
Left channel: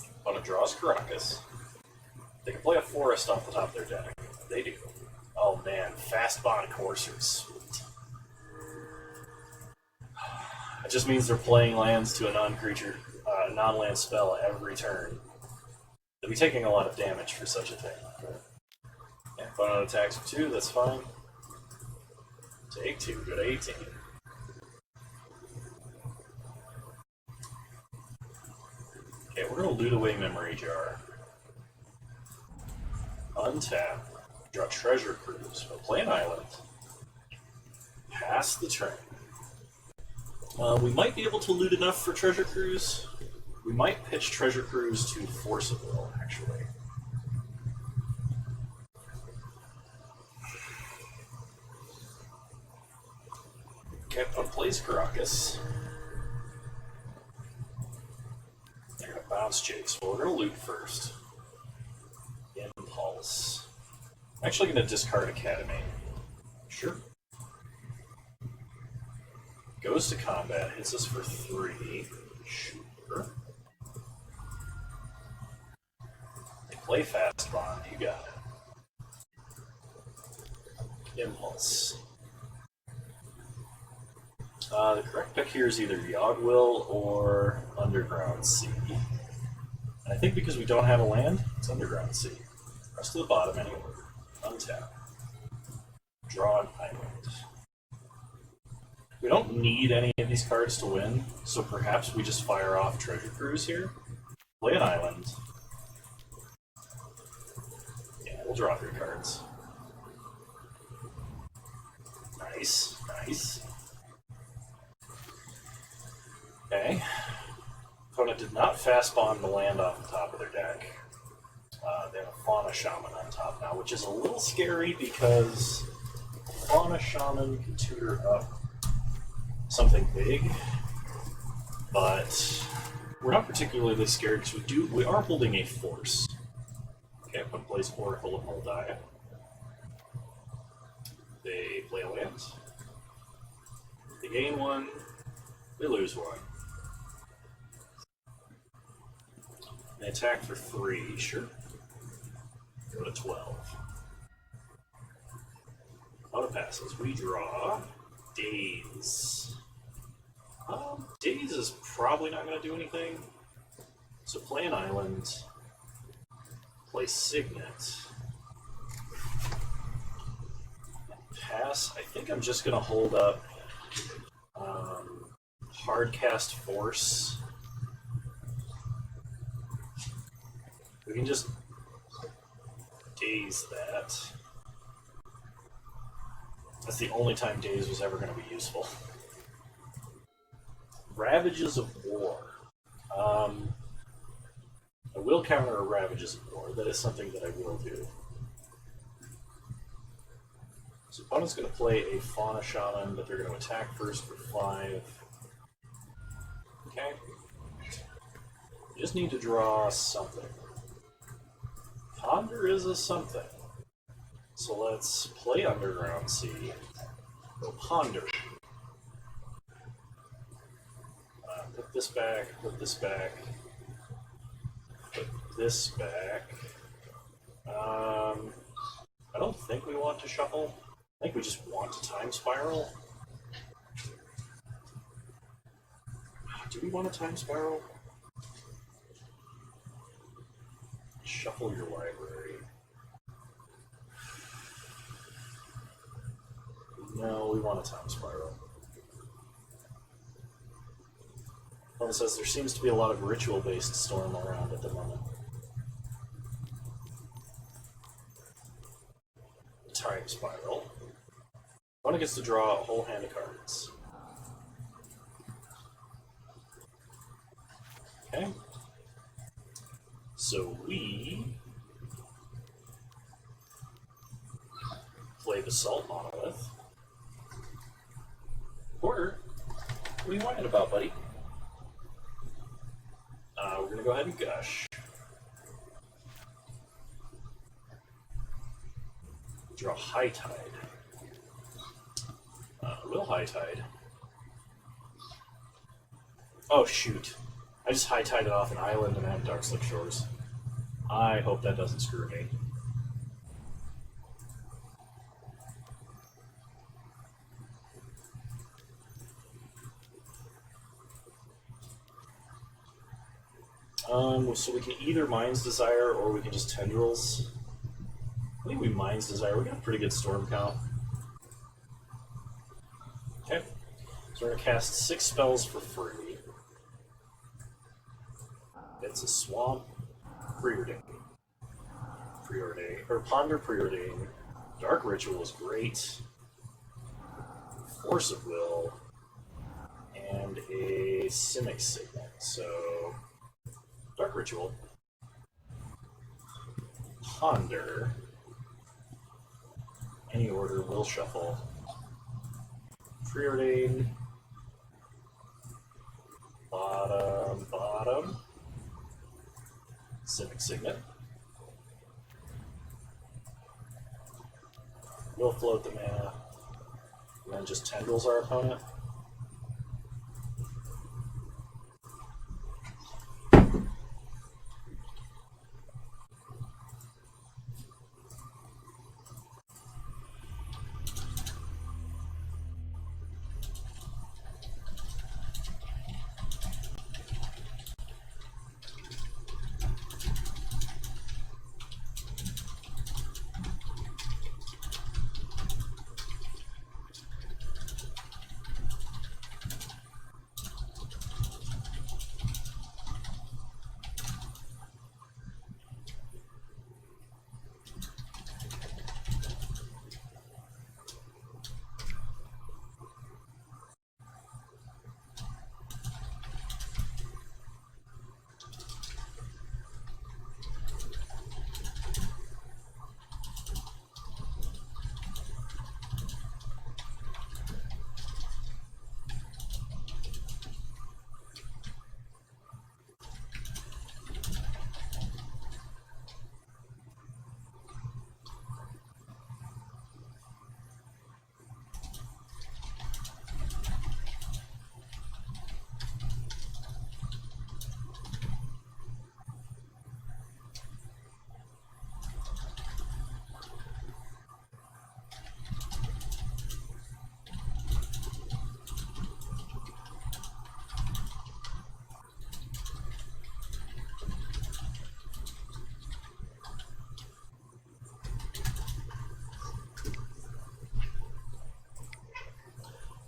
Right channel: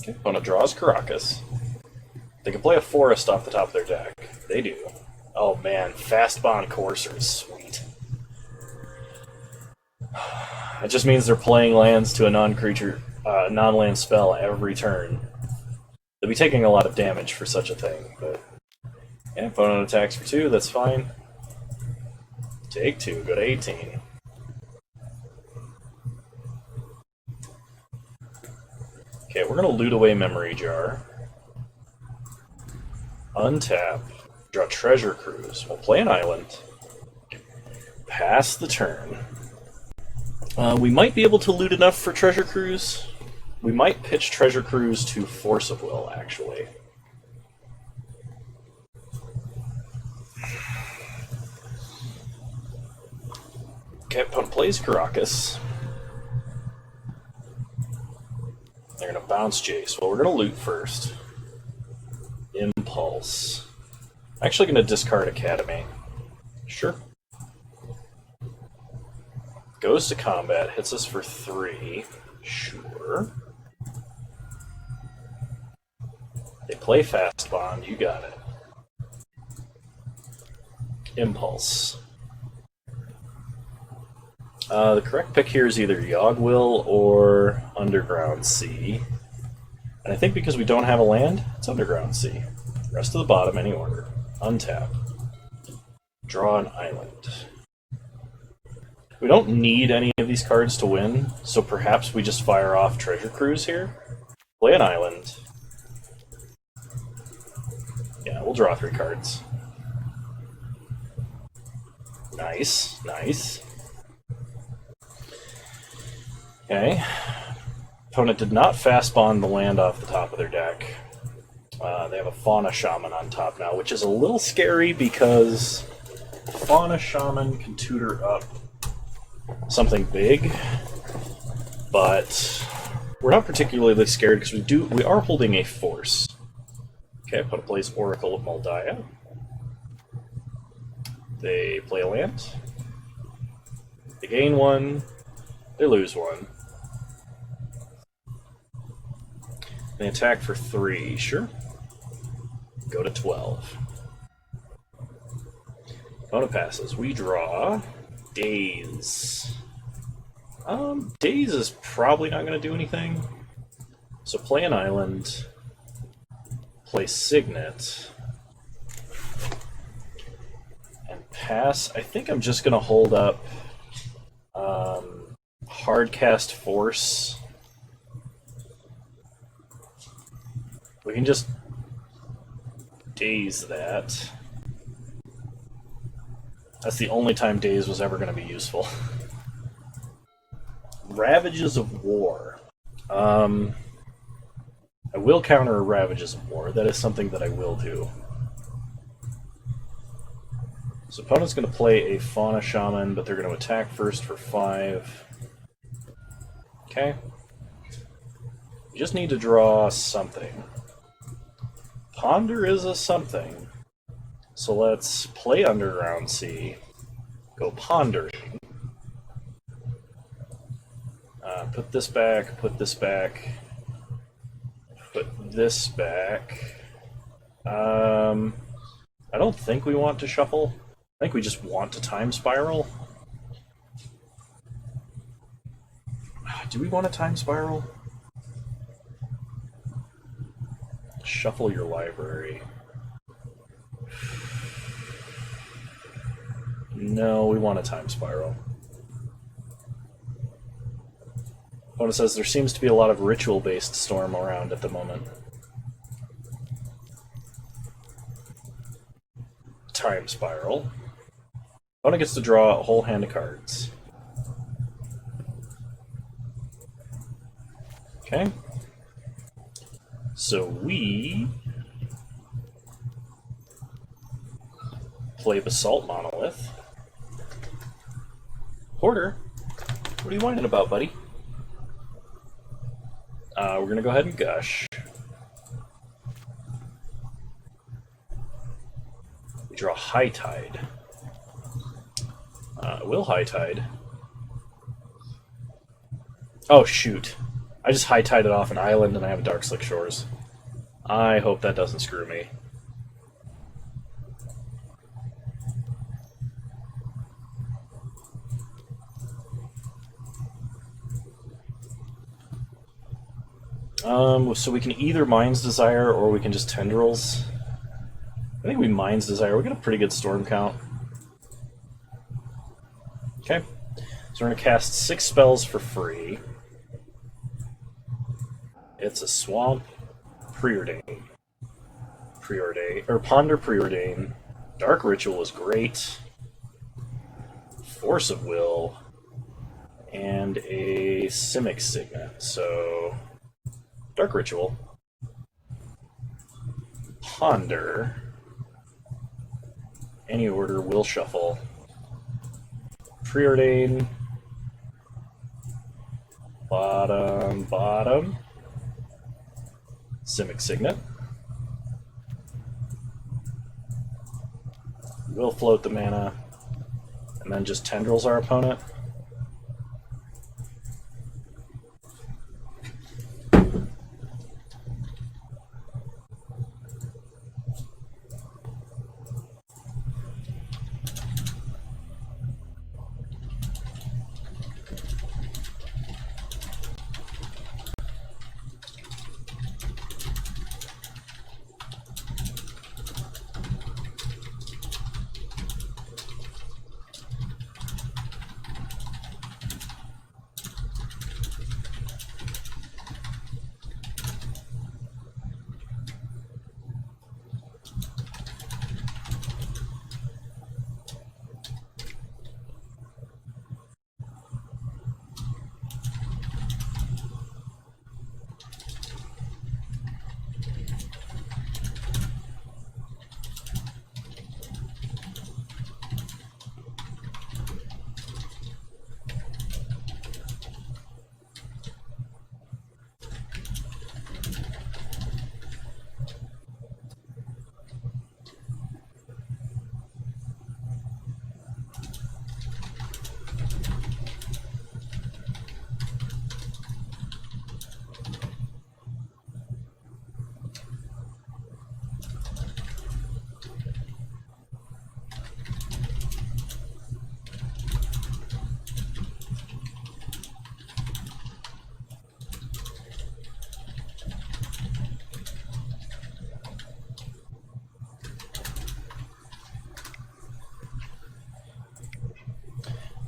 Okay, opponent draws Caracas. They can play a Forest off the top of their deck. They do. Oh man, Fast Bond Courser is sweet. It just means they're playing lands to a non-land spell every turn. They'll be taking a lot of damage for such a thing, but yeah, opponent attacks for 2, that's fine. Take 2, go to 18. Okay, we're gonna loot away Memory Jar. Untap. Draw Treasure Cruise. We'll play an island. Pass the turn. We might be able to loot enough for Treasure Cruise. We might pitch Treasure Cruise to Force of Will, actually. Okay, opponent plays Caracas. They're going to bounce Jace. Well, we're going to loot first. Impulse. I'm actually going to discard Academy. Sure. Goes to combat, hits us for 3. Sure. They play Fast Bond, you got it. Impulse. The correct pick here is either Yogg-Will or Underground Sea. And I think because we don't have a land, it's Underground Sea. Rest of the bottom, any order. Untap. Draw an island. We don't need any of these cards to win, so perhaps we just fire off Treasure Cruise here. Play an island. Yeah, we'll draw 3 cards. Nice, nice. Okay. Opponent did not fast bond the land off the top of their deck. They have a Fauna Shaman on top now, which is a little scary because Fauna Shaman can tutor up something big, but we're not particularly scared because we are holding a force. Okay, opponent plays Oracle of Moldiah. They play a land. They gain 1. They lose 1. They attack for 3, sure. Go to 12. Opponent passes. We draw Daze. Daze is probably not going to do anything. So play an island, play Signet, and pass. I think I'm just going to hold up Hardcast Force. We can just Daze that. That's the only time Daze was ever going to be useful. Ravages of War. I will counter Ravages of War. That is something that I will do. So opponent's going to play a Fauna Shaman, but they're going to attack first for 5. Okay. You just need to draw something. Ponder is a something. So let's play Underground Sea. Go Ponder. Put this back, put this back, put this back. I don't think we want to shuffle. I think we just want to Time Spiral. Do we want a Time Spiral? Shuffle your library. No, we want a Time Spiral. Opponent says there seems to be a lot of ritual-based Storm around at the moment. Time Spiral. Opponent gets to draw a whole hand of cards. Okay. So we play Basalt Monolith. Hoarder, what are you whining about, buddy? We're going to go ahead and Gush. We draw High Tide. Will High Tide. Oh, shoot. I just High Tided off an island and I have Dark Slick Shores. I hope that doesn't screw me. So we can either Mind's Desire or we can just Tendrils. I think we Mind's Desire. We got a pretty good Storm count. Okay. So we're going to cast 6 spells for free. It's a Swamp, Preordain. Ponder Preordain. Dark Ritual is great. Force of Will. And a Simic Signet. So Dark Ritual, Ponder, any order will shuffle, Preordain, bottom, Simic Signet, we'll float the mana, and then just Tendrils our opponent.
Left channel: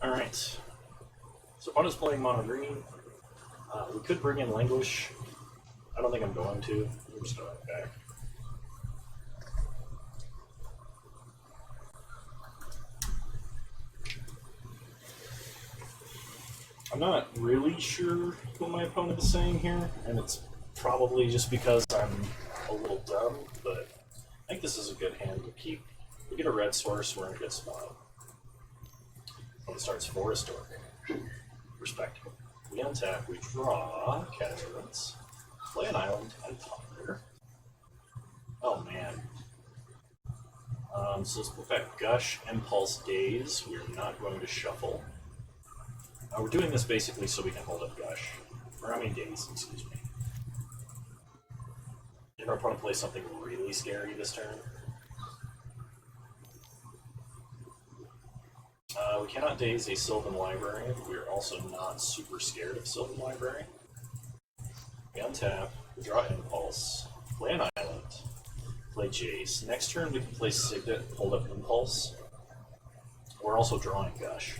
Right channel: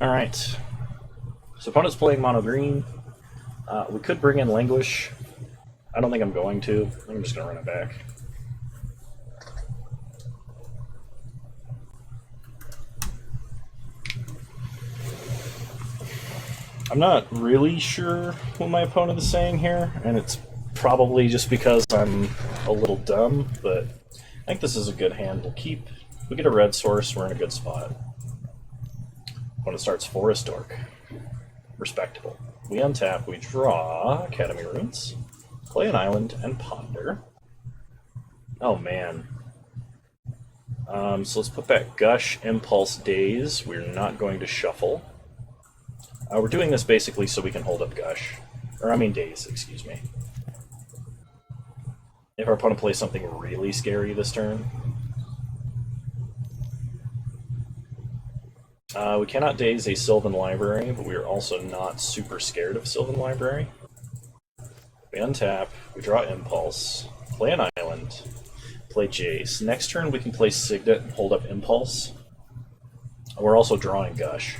Alright. So opponent's playing mono green. We could bring in Languish. I don't think I'm going to. I think I'm just going to run it back. I'm not really sure what my opponent is saying here, and it's probably just because I'm a little dumb, but I think this is a good hand. We'll keep. We get a red source, we're in a good spot. When it starts Forest Dork. Respectable. We untap, we draw Academy Ruins, play an island, and ponder. Oh man. So let's put back Gush, Impulse, Daze. We're not going to shuffle. We're doing this basically so we can hold up Gush. Or, I mean Daze, excuse me. If our opponent plays something really scary this turn. We cannot Daze a Sylvan Library, but we are also not super scared of Sylvan Library. We untap, we draw Impulse, play an island, play Jace. Next turn we can play Signet and hold up Impulse. We're also drawing Gush.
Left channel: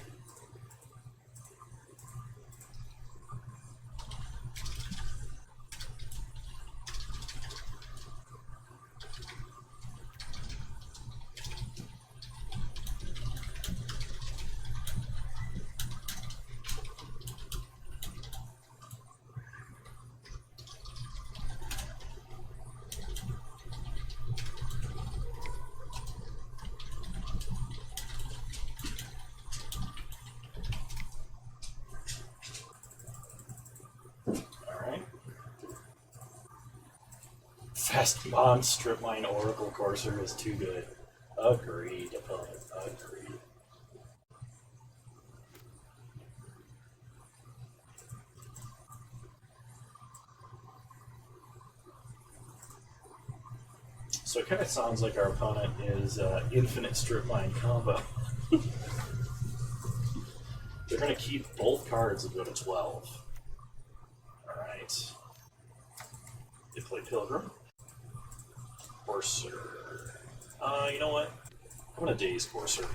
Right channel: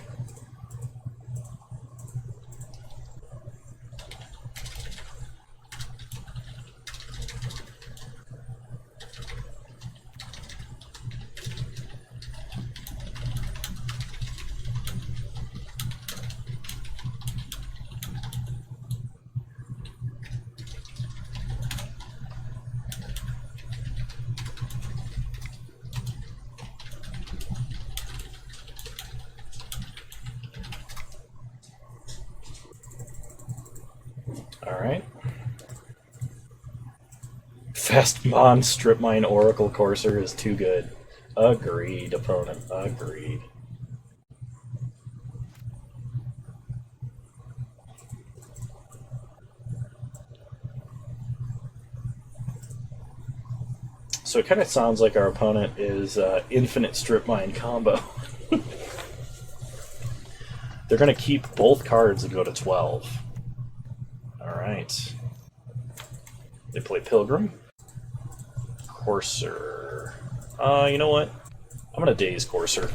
Alright. Fast Mon Strip Mine Oracle Courser is too good. Agreed, opponent. Agreed. So it kind of sounds like our opponent is infinite Strip Mine combo. They're going to keep both cards and go to 12. Alright. They play Pilgrim. Courser. You know what? I'm going to Daze Courser.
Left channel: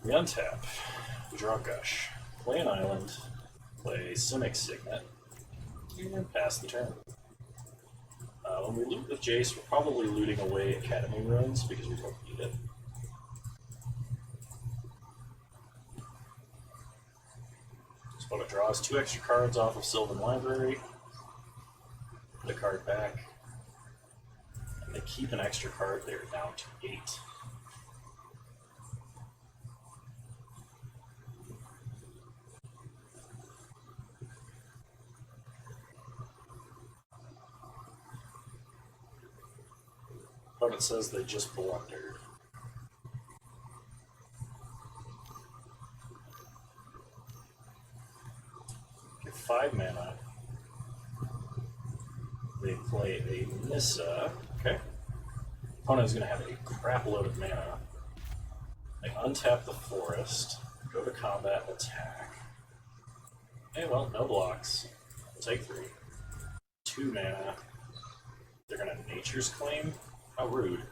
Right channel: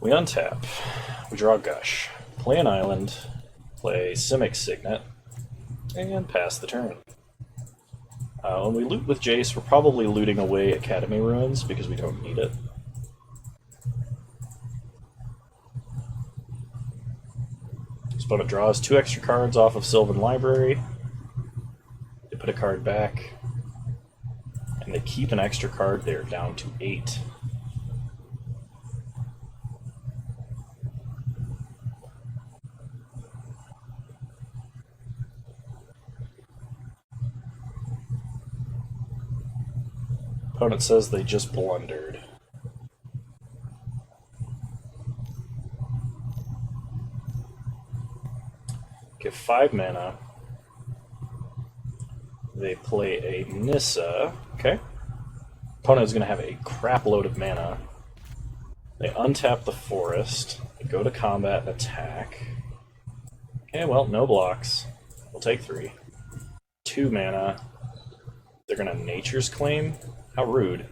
We untap. We draw Gush. Play an island. Play Simic Signet. And pass the turn. When we loot with Jace, we're probably looting away Academy Ruins because we don't need it. This opponent draws 2 extra cards off of Sylvan Library. They put a card back. And they keep an extra card there, down to 8. Opponent says they just blundered. Give 5 mana. They play a Nissa. Okay. Opponent is going to have a crap load of mana. They untap the forest. They go to combat and attack. Okay, well, no blocks. We'll take 3. 2 mana. They're going to Nature's Claim. How rude.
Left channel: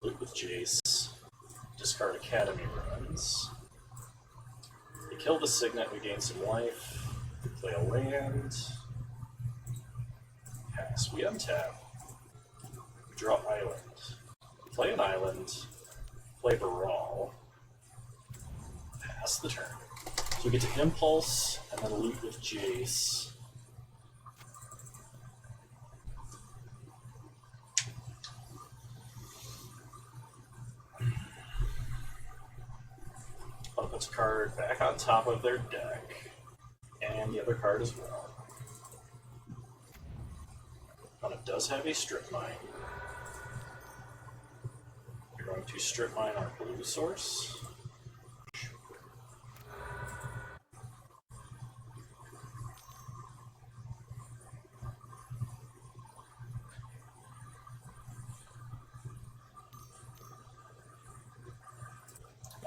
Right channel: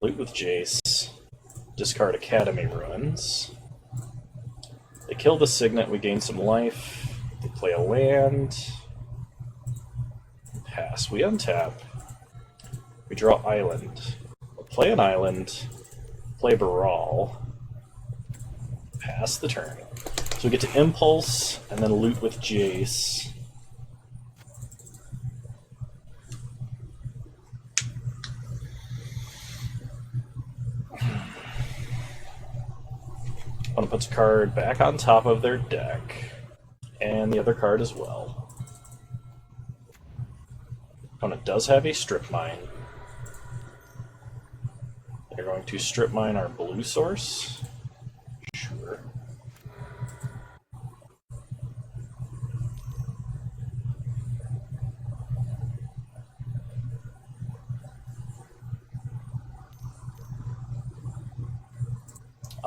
Loot with Jace. Discard Academy Ruins. They kill the Signet, we gain some life. They play a land. Pass. We untap. We draw Island. We play an island. Play Baral. Pass the turn. So we get to Impulse, and then loot with Jace. Opponent puts a card back on top of their deck, and the other card as well. Opponent does have a Strip Mine. They're going to Strip Mine our blue source. Sure.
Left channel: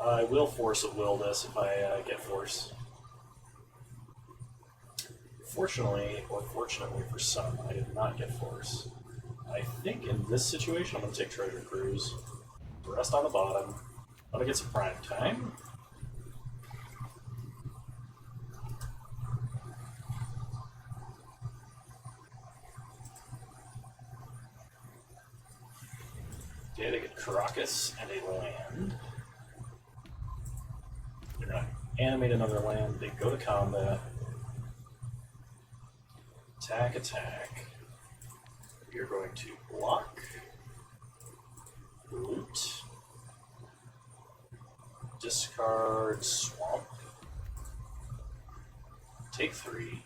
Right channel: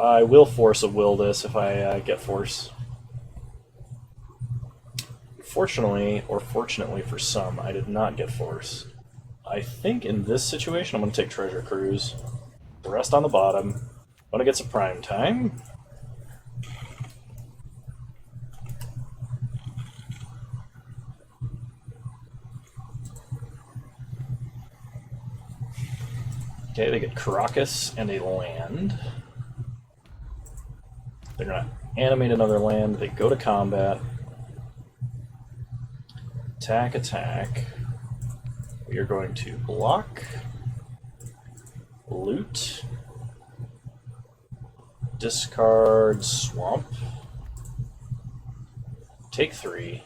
I will force a will this if I get force. Fortunately, or fortunately for some, I did not get force. I think in this situation I'm going to take Treasure Cruise. The rest on the bottom. When it gets a prime time. Okay, they get Caracas and a land. They're going to animate another land. They go to combat. Attack, attack. We are going to block, loot, discard, swamp, take 3.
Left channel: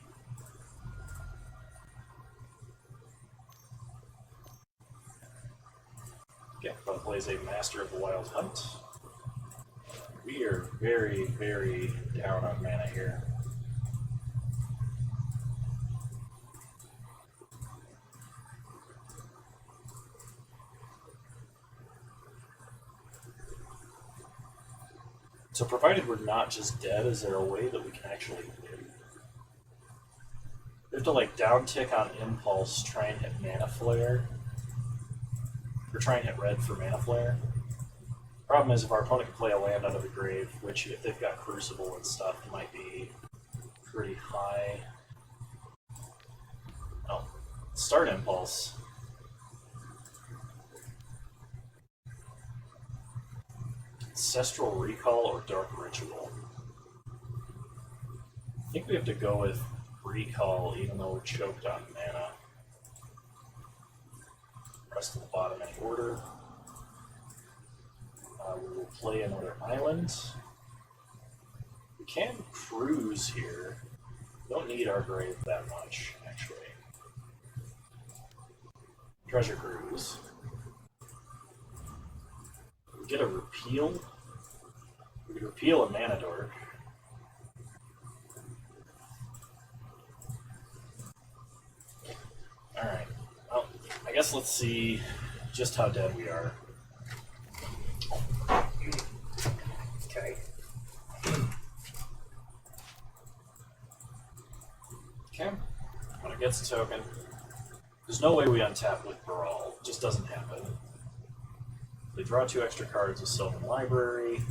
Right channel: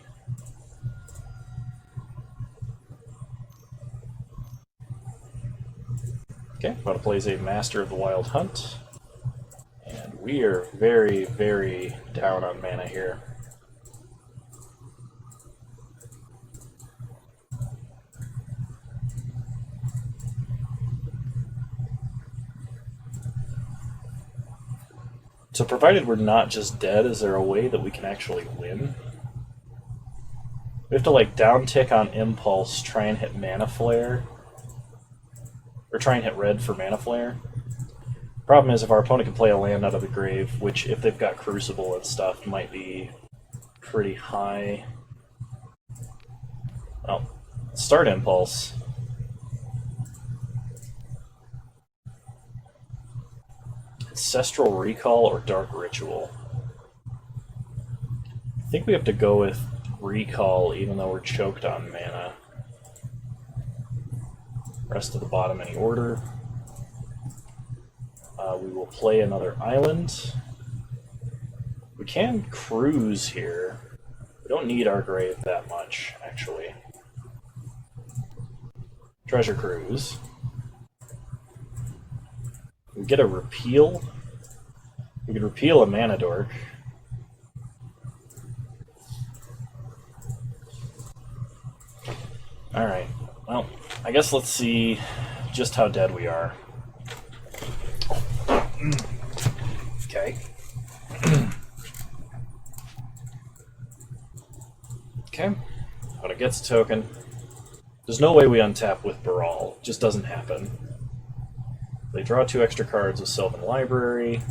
Okay, about to plays a Master of the Wild Hunt. And we are very, very down on mana here. So provided we're not just dead, is there a way that we can actually win? We have to like down tick on Impulse, try and hit Mana Flare. Or try and hit red for Mana Flare. Problem is if our opponent can play a land out of the grave, which if they've got Crucible and stuff might be pretty high. Well, start Impulse. Ancestral Recall or Dark Ritual. I think we have to go with Recall even though we're choked on mana. Rest of the bottom any order. We will play another island. We can cruise here. We don't need our grave that much, actually. Treasure Cruise. We get a repeal. We can repeal a Mana Dork. Alright, well, I guess let's see just how dead we are. Okay. Okay, but it gets a token. There's no way we untap with Baral. It just doesn't happen. They draw 2 extra cards with Sylvan Library.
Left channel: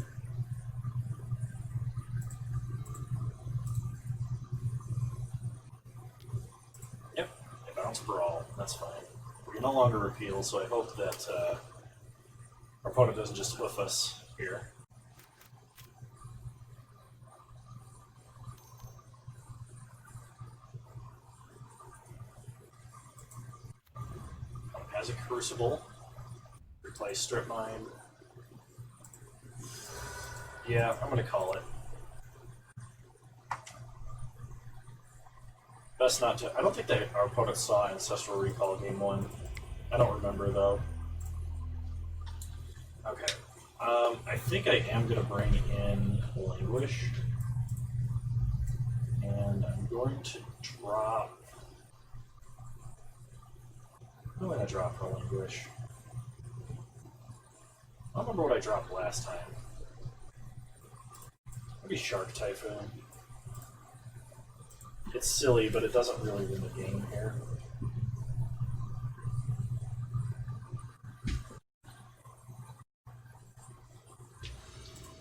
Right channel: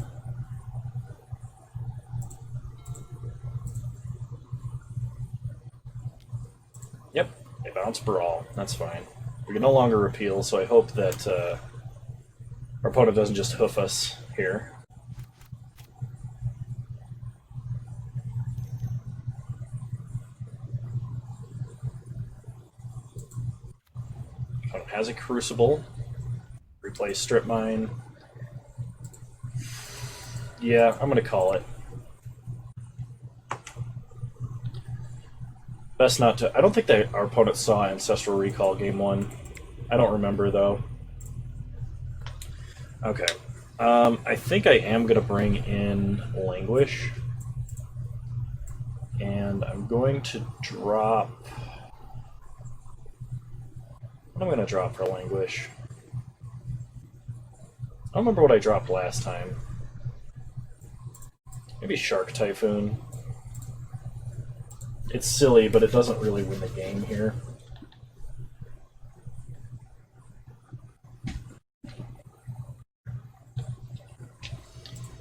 Yep, they bounce Baral. That's fine. We can no longer repeal, so I hope that our opponent doesn't just hoof us here. Opponent has a Crucible. Replace Strip Mine. Yeah, I'm going to call it. Best not to... I don't think that our opponent saw Ancestral Recall game 1. I don't remember, though. Okay. I think I am going to bring in Languish. And I'm going to drop... What am I going to drop for Languish? I don't remember what I dropped last time. Maybe Shark Typhoon. It's silly, but it doesn't really win the game here.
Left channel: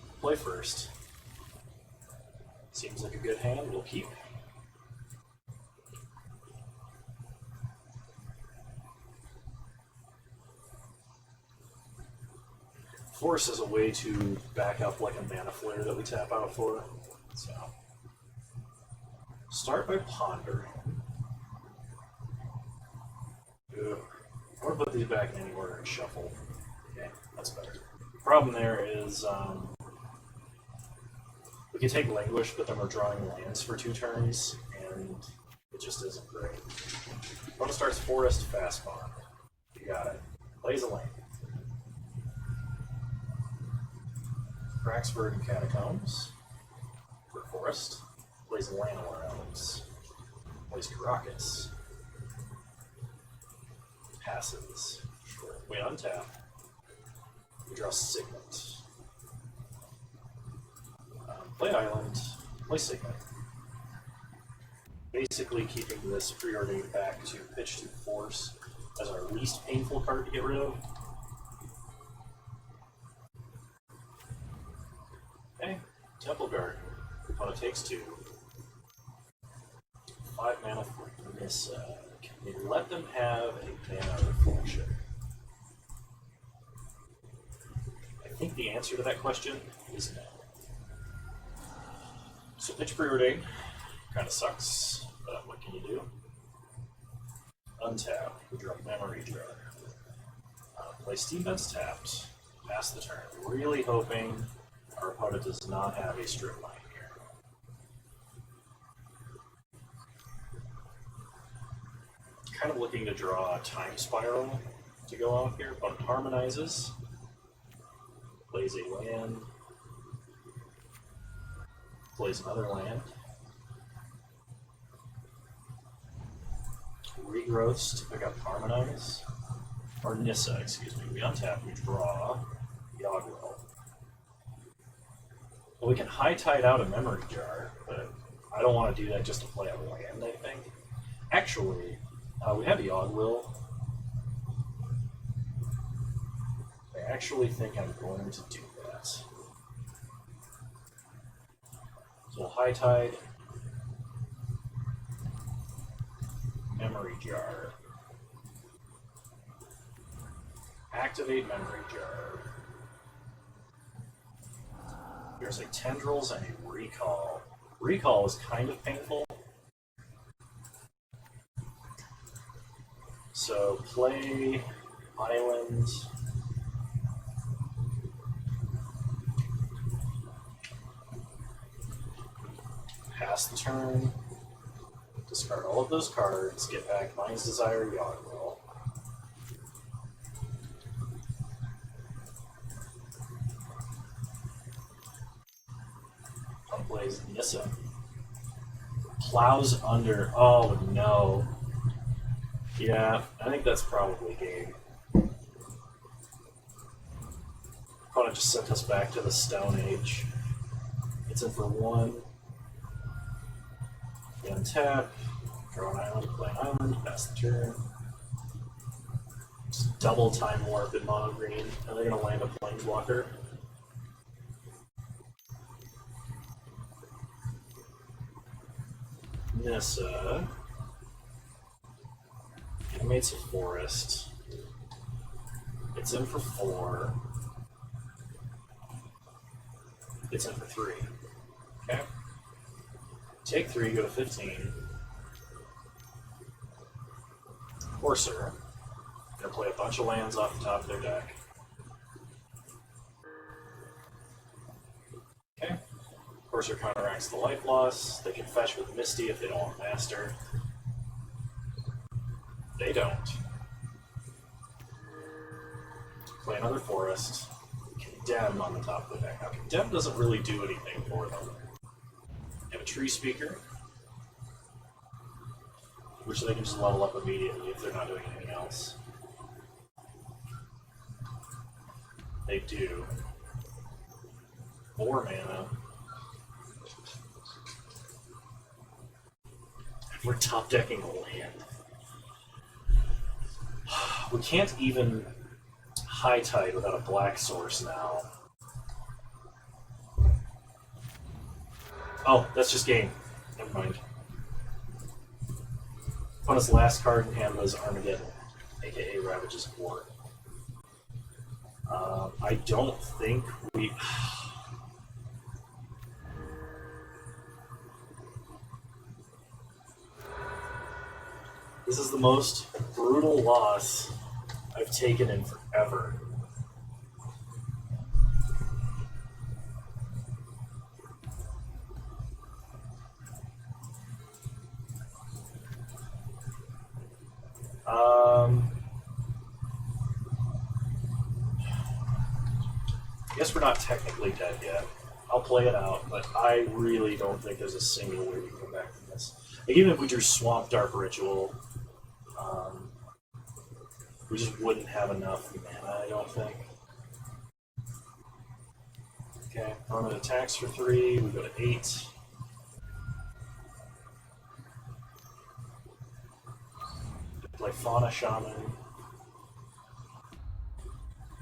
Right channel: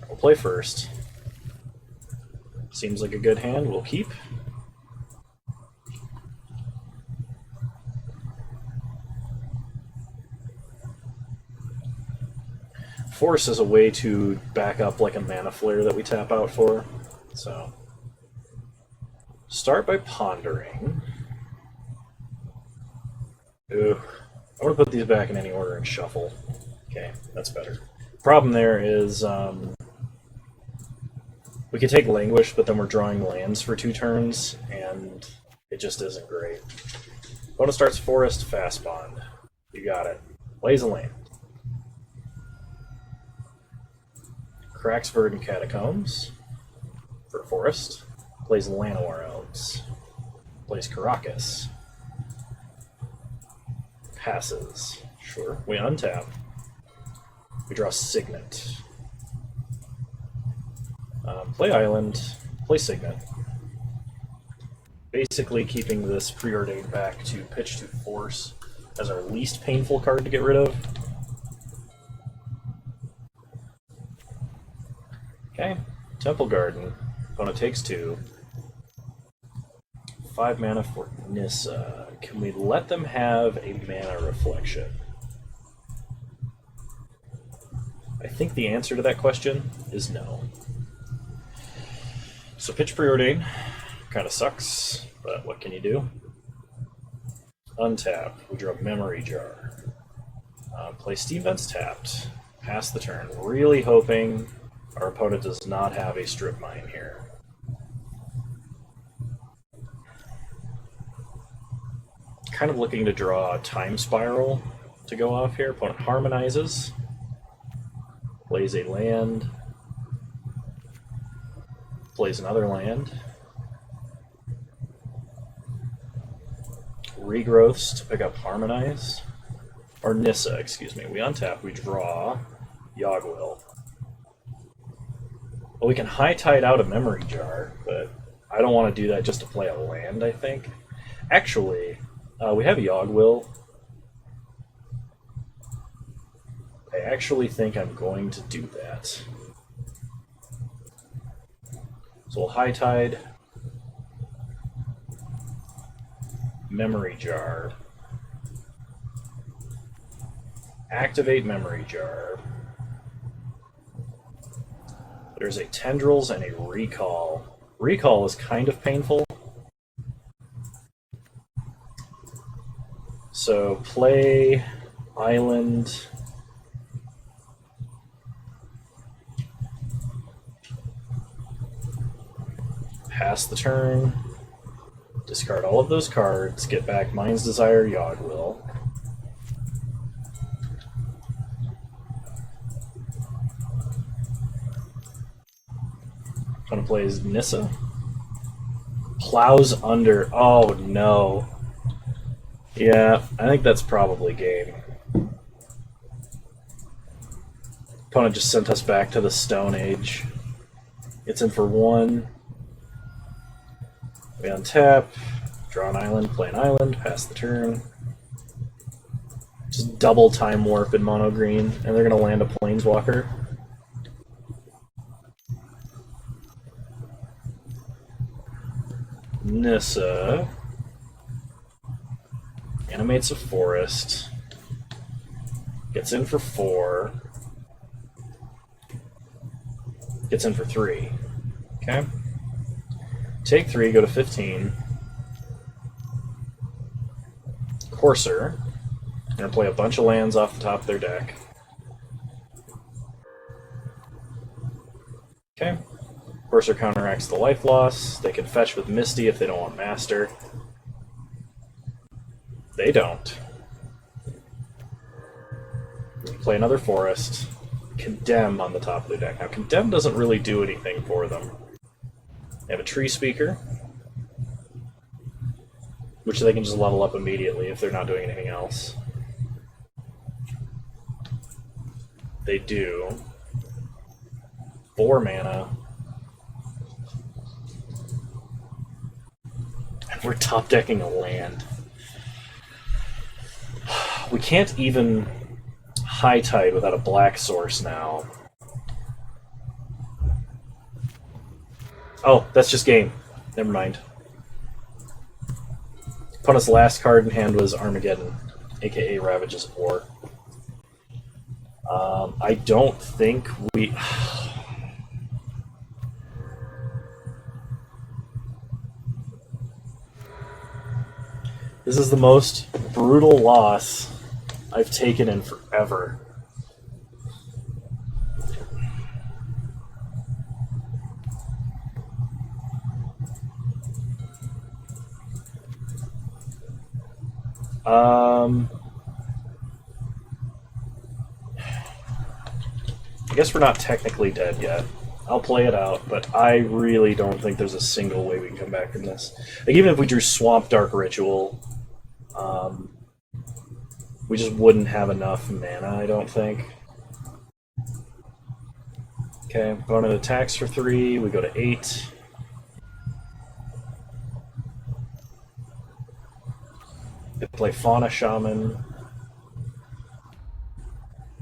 We'll play first. Seems like a good hand. We'll keep. Force is a way to back up like a Mana Flare that we tap out for. So, start by pondering. Ooh, I'm gonna put these back in any order and shuffle. Okay, that's better. Problem there is we could take Languish, but then we're drawing lands for 2 turns, and it just isn't great. Opponent starts Forest, Fast Bond. You got it. Plays a land. Cracks Verdant Catacombs for Forest. Plays Llanowar Elves. Plays Caracas. Passes. Sure. We untap. We draw Signet. Play Island. Play Signet. Basically keeping this preordained back to pitch to force. as our least painful card to get rid of. Okay, Temple Garden. Opponent takes 2. 5 mana for Nissa. Can we let them have a mana reflection? I think the answer to that question is no. So pitch preordain kind of sucks, but what can you do? Untap. We draw Memory Jar. Play Steam Vents tapped. Pass the turn. Really hoping our opponent does not have a Strip Mine here. Kind of looking to draw a Time Spiral to go off here. Opponent harmonizes. Plays a land. Plays another land. Regrowths to pick up Harmonize. Or Nissa, excuse me. We untap, we draw Yogwill. Well, we can high tide out a Memory Jar, but I don't want to do that just to play a land, I think. Actually, we have Yogwill. I actually think I'm going to do that. So we'll high tide. Memory Jar. Activate Memory Jar. There's a Tendrils and a Recall. Recall is kind of painful. So play Island. Pass the turn. Discard all of those cards. Get back Mind's Desire, Yogwill. Opponent plays Nissa. Plows under. Oh no. Yeah, I think that's probably game. Opponent just sent us back to the Stone Age. It's in for 1. We untap, draw an island, play an island, pass the turn. Just double Time Warp in mono green, and they're going to land a Planeswalker. Nissa animates a forest, gets in for 4, gets in for 3. Okay. Take 3, go to 15. Courser. Gonna play a bunch of lands off the top of their deck. Okay. Courser counteracts the life loss. They can fetch with Misty if they don't want Master. They don't. Play another forest. Condemn on the top of their deck. Now, Condemn doesn't really do anything for them. They have a Tree Speaker, which they can just level up immediately if they're not doing anything else. They do 4 mana. And we're top decking a land. We can't even high tide without a black source now. Oh, that's just game. Never mind. Opponent's last card in hand was Armageddon, aka Ravages of War. I don't think we... This is the most brutal loss I've taken in forever. I guess we're not technically dead yet. I'll play it out, but I really don't think there's a single way we can come back from this. Like, even if we drew Swamp Dark Ritual, we just wouldn't have enough mana, I don't think. Okay, opponent attacks for 3, we go to 8. They play Fauna Shaman.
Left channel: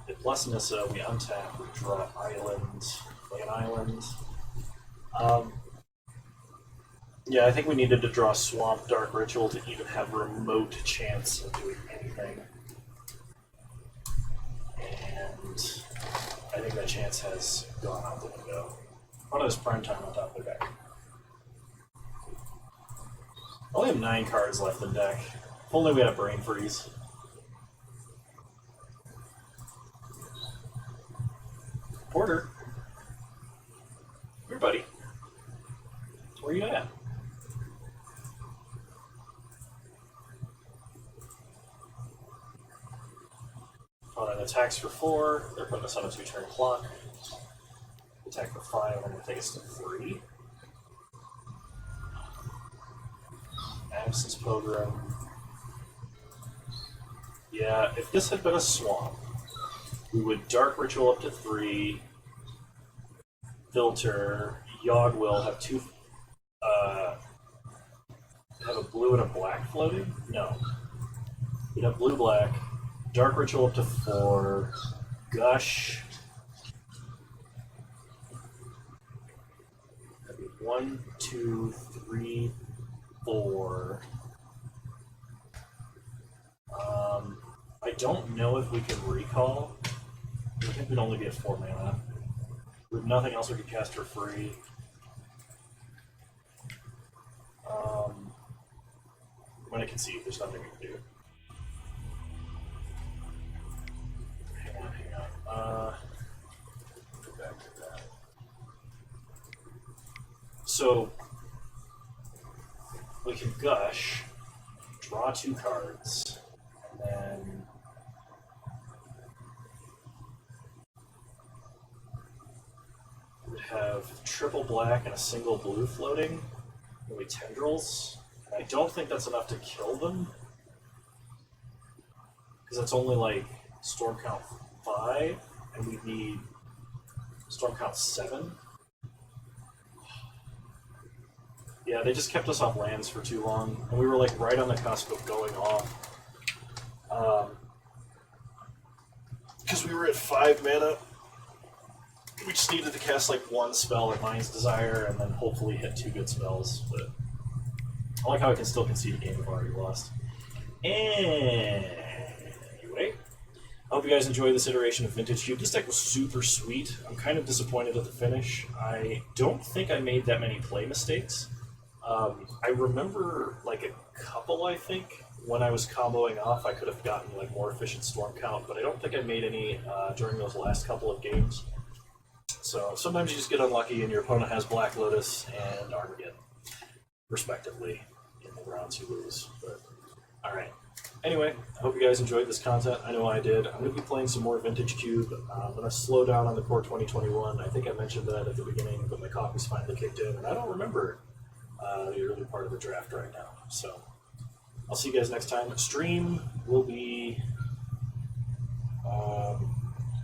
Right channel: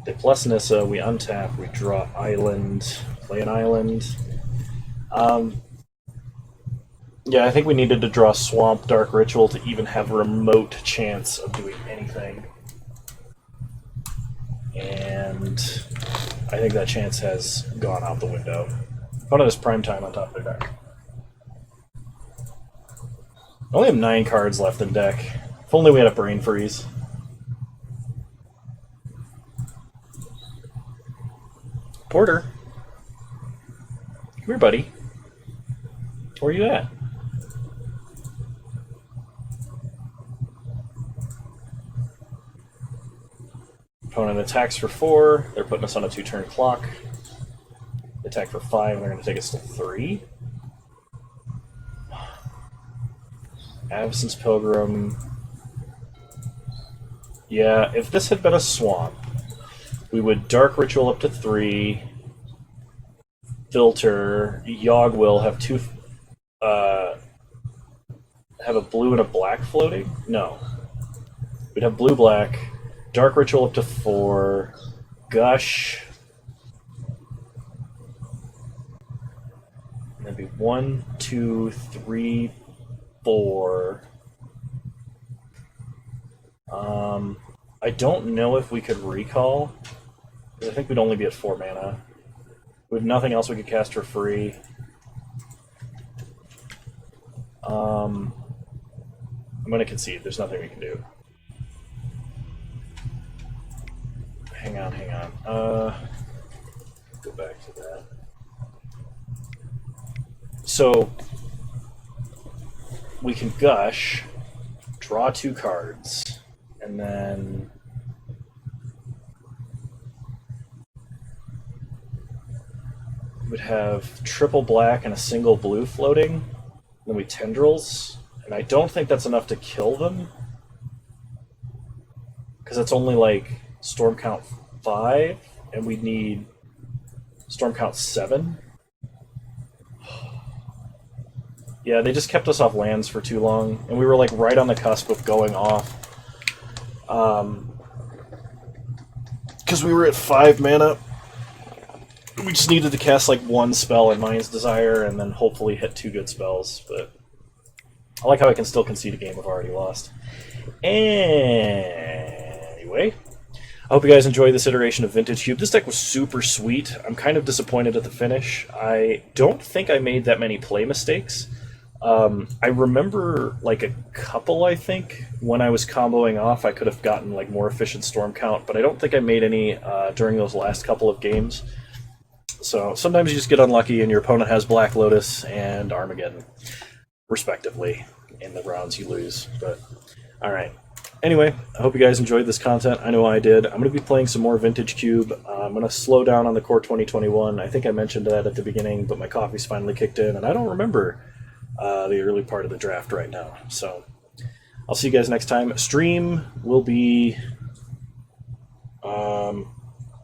They plus Nissa, we untap, we draw Island, play an Island. Yeah, I think we needed to draw Swamp Dark Ritual to even have a remote chance of doing anything. And I think that chance has gone out the window. One of this prime time on top of their deck. I only have 9 cards left in deck. If only we had a Brain Freeze. Porter. Come here, buddy. Where are you at? Opponent attacks for 4. They're putting us on a 2-turn clock. They attack for 5, and they're going to take us to 3. Absence Pilgrim. Yeah, if this had been a swamp, we would Dark Ritual up to 3, filter, Yogg will have 2, have a blue and a black floating? No. We'd have blue-black, Dark Ritual up to 4, Gush. That'd be 1, 2, 3, 4. I don't know if we could recall. I think we'd only be at 4 mana. We have nothing else we could cast for free. I'm going to concede. There's nothing we can do. Hang on. Go back to that. So, we can Gush, draw 2 cards, and then would have triple black and a single blue floating. Then we Tendrils, and I don't think that's enough to kill them, because it's only like Storm Count 5, and we need Storm Count 7. Yeah, they just kept us off lands for too long, and we were like right on the cusp of going off. Because we were at 5 mana. We just needed to cast like 1 spell in Mind's Desire, and then hopefully hit 2 good spells. But I like how I can still concede a game I've already lost. Anyway, I hope you guys enjoyed this iteration of Vintage Cube. This deck was super sweet. I'm kind of disappointed at the finish. I don't think I made that many play mistakes. I remember like a couple, I think. When I was comboing off, I could have gotten like more efficient storm count, but I don't think I made any during those last couple of games. So sometimes you just get unlucky and your opponent has Black Lotus and Armageddon, respectively, in the rounds you lose. But, alright. Anyway, I hope you guys enjoyed this content. I know I did. I'm going to be playing some more Vintage Cube. I'm going to slow down on the Core 2021. I think I mentioned that at the beginning, but my coffee's finally kicked in, and I don't remember the early part of the draft right now. So, I'll see you guys next time. Stream will be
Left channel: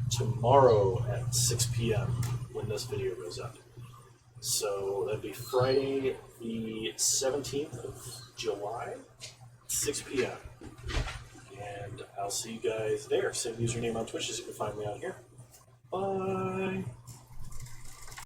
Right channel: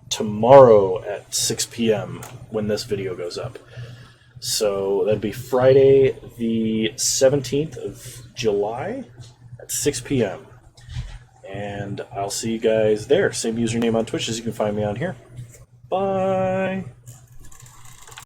tomorrow at 6 p.m. when this video goes up. So that'd be Friday the 17th of July at 6 p.m. And I'll see you guys there. Same username on Twitch as you can find me on here. Bye!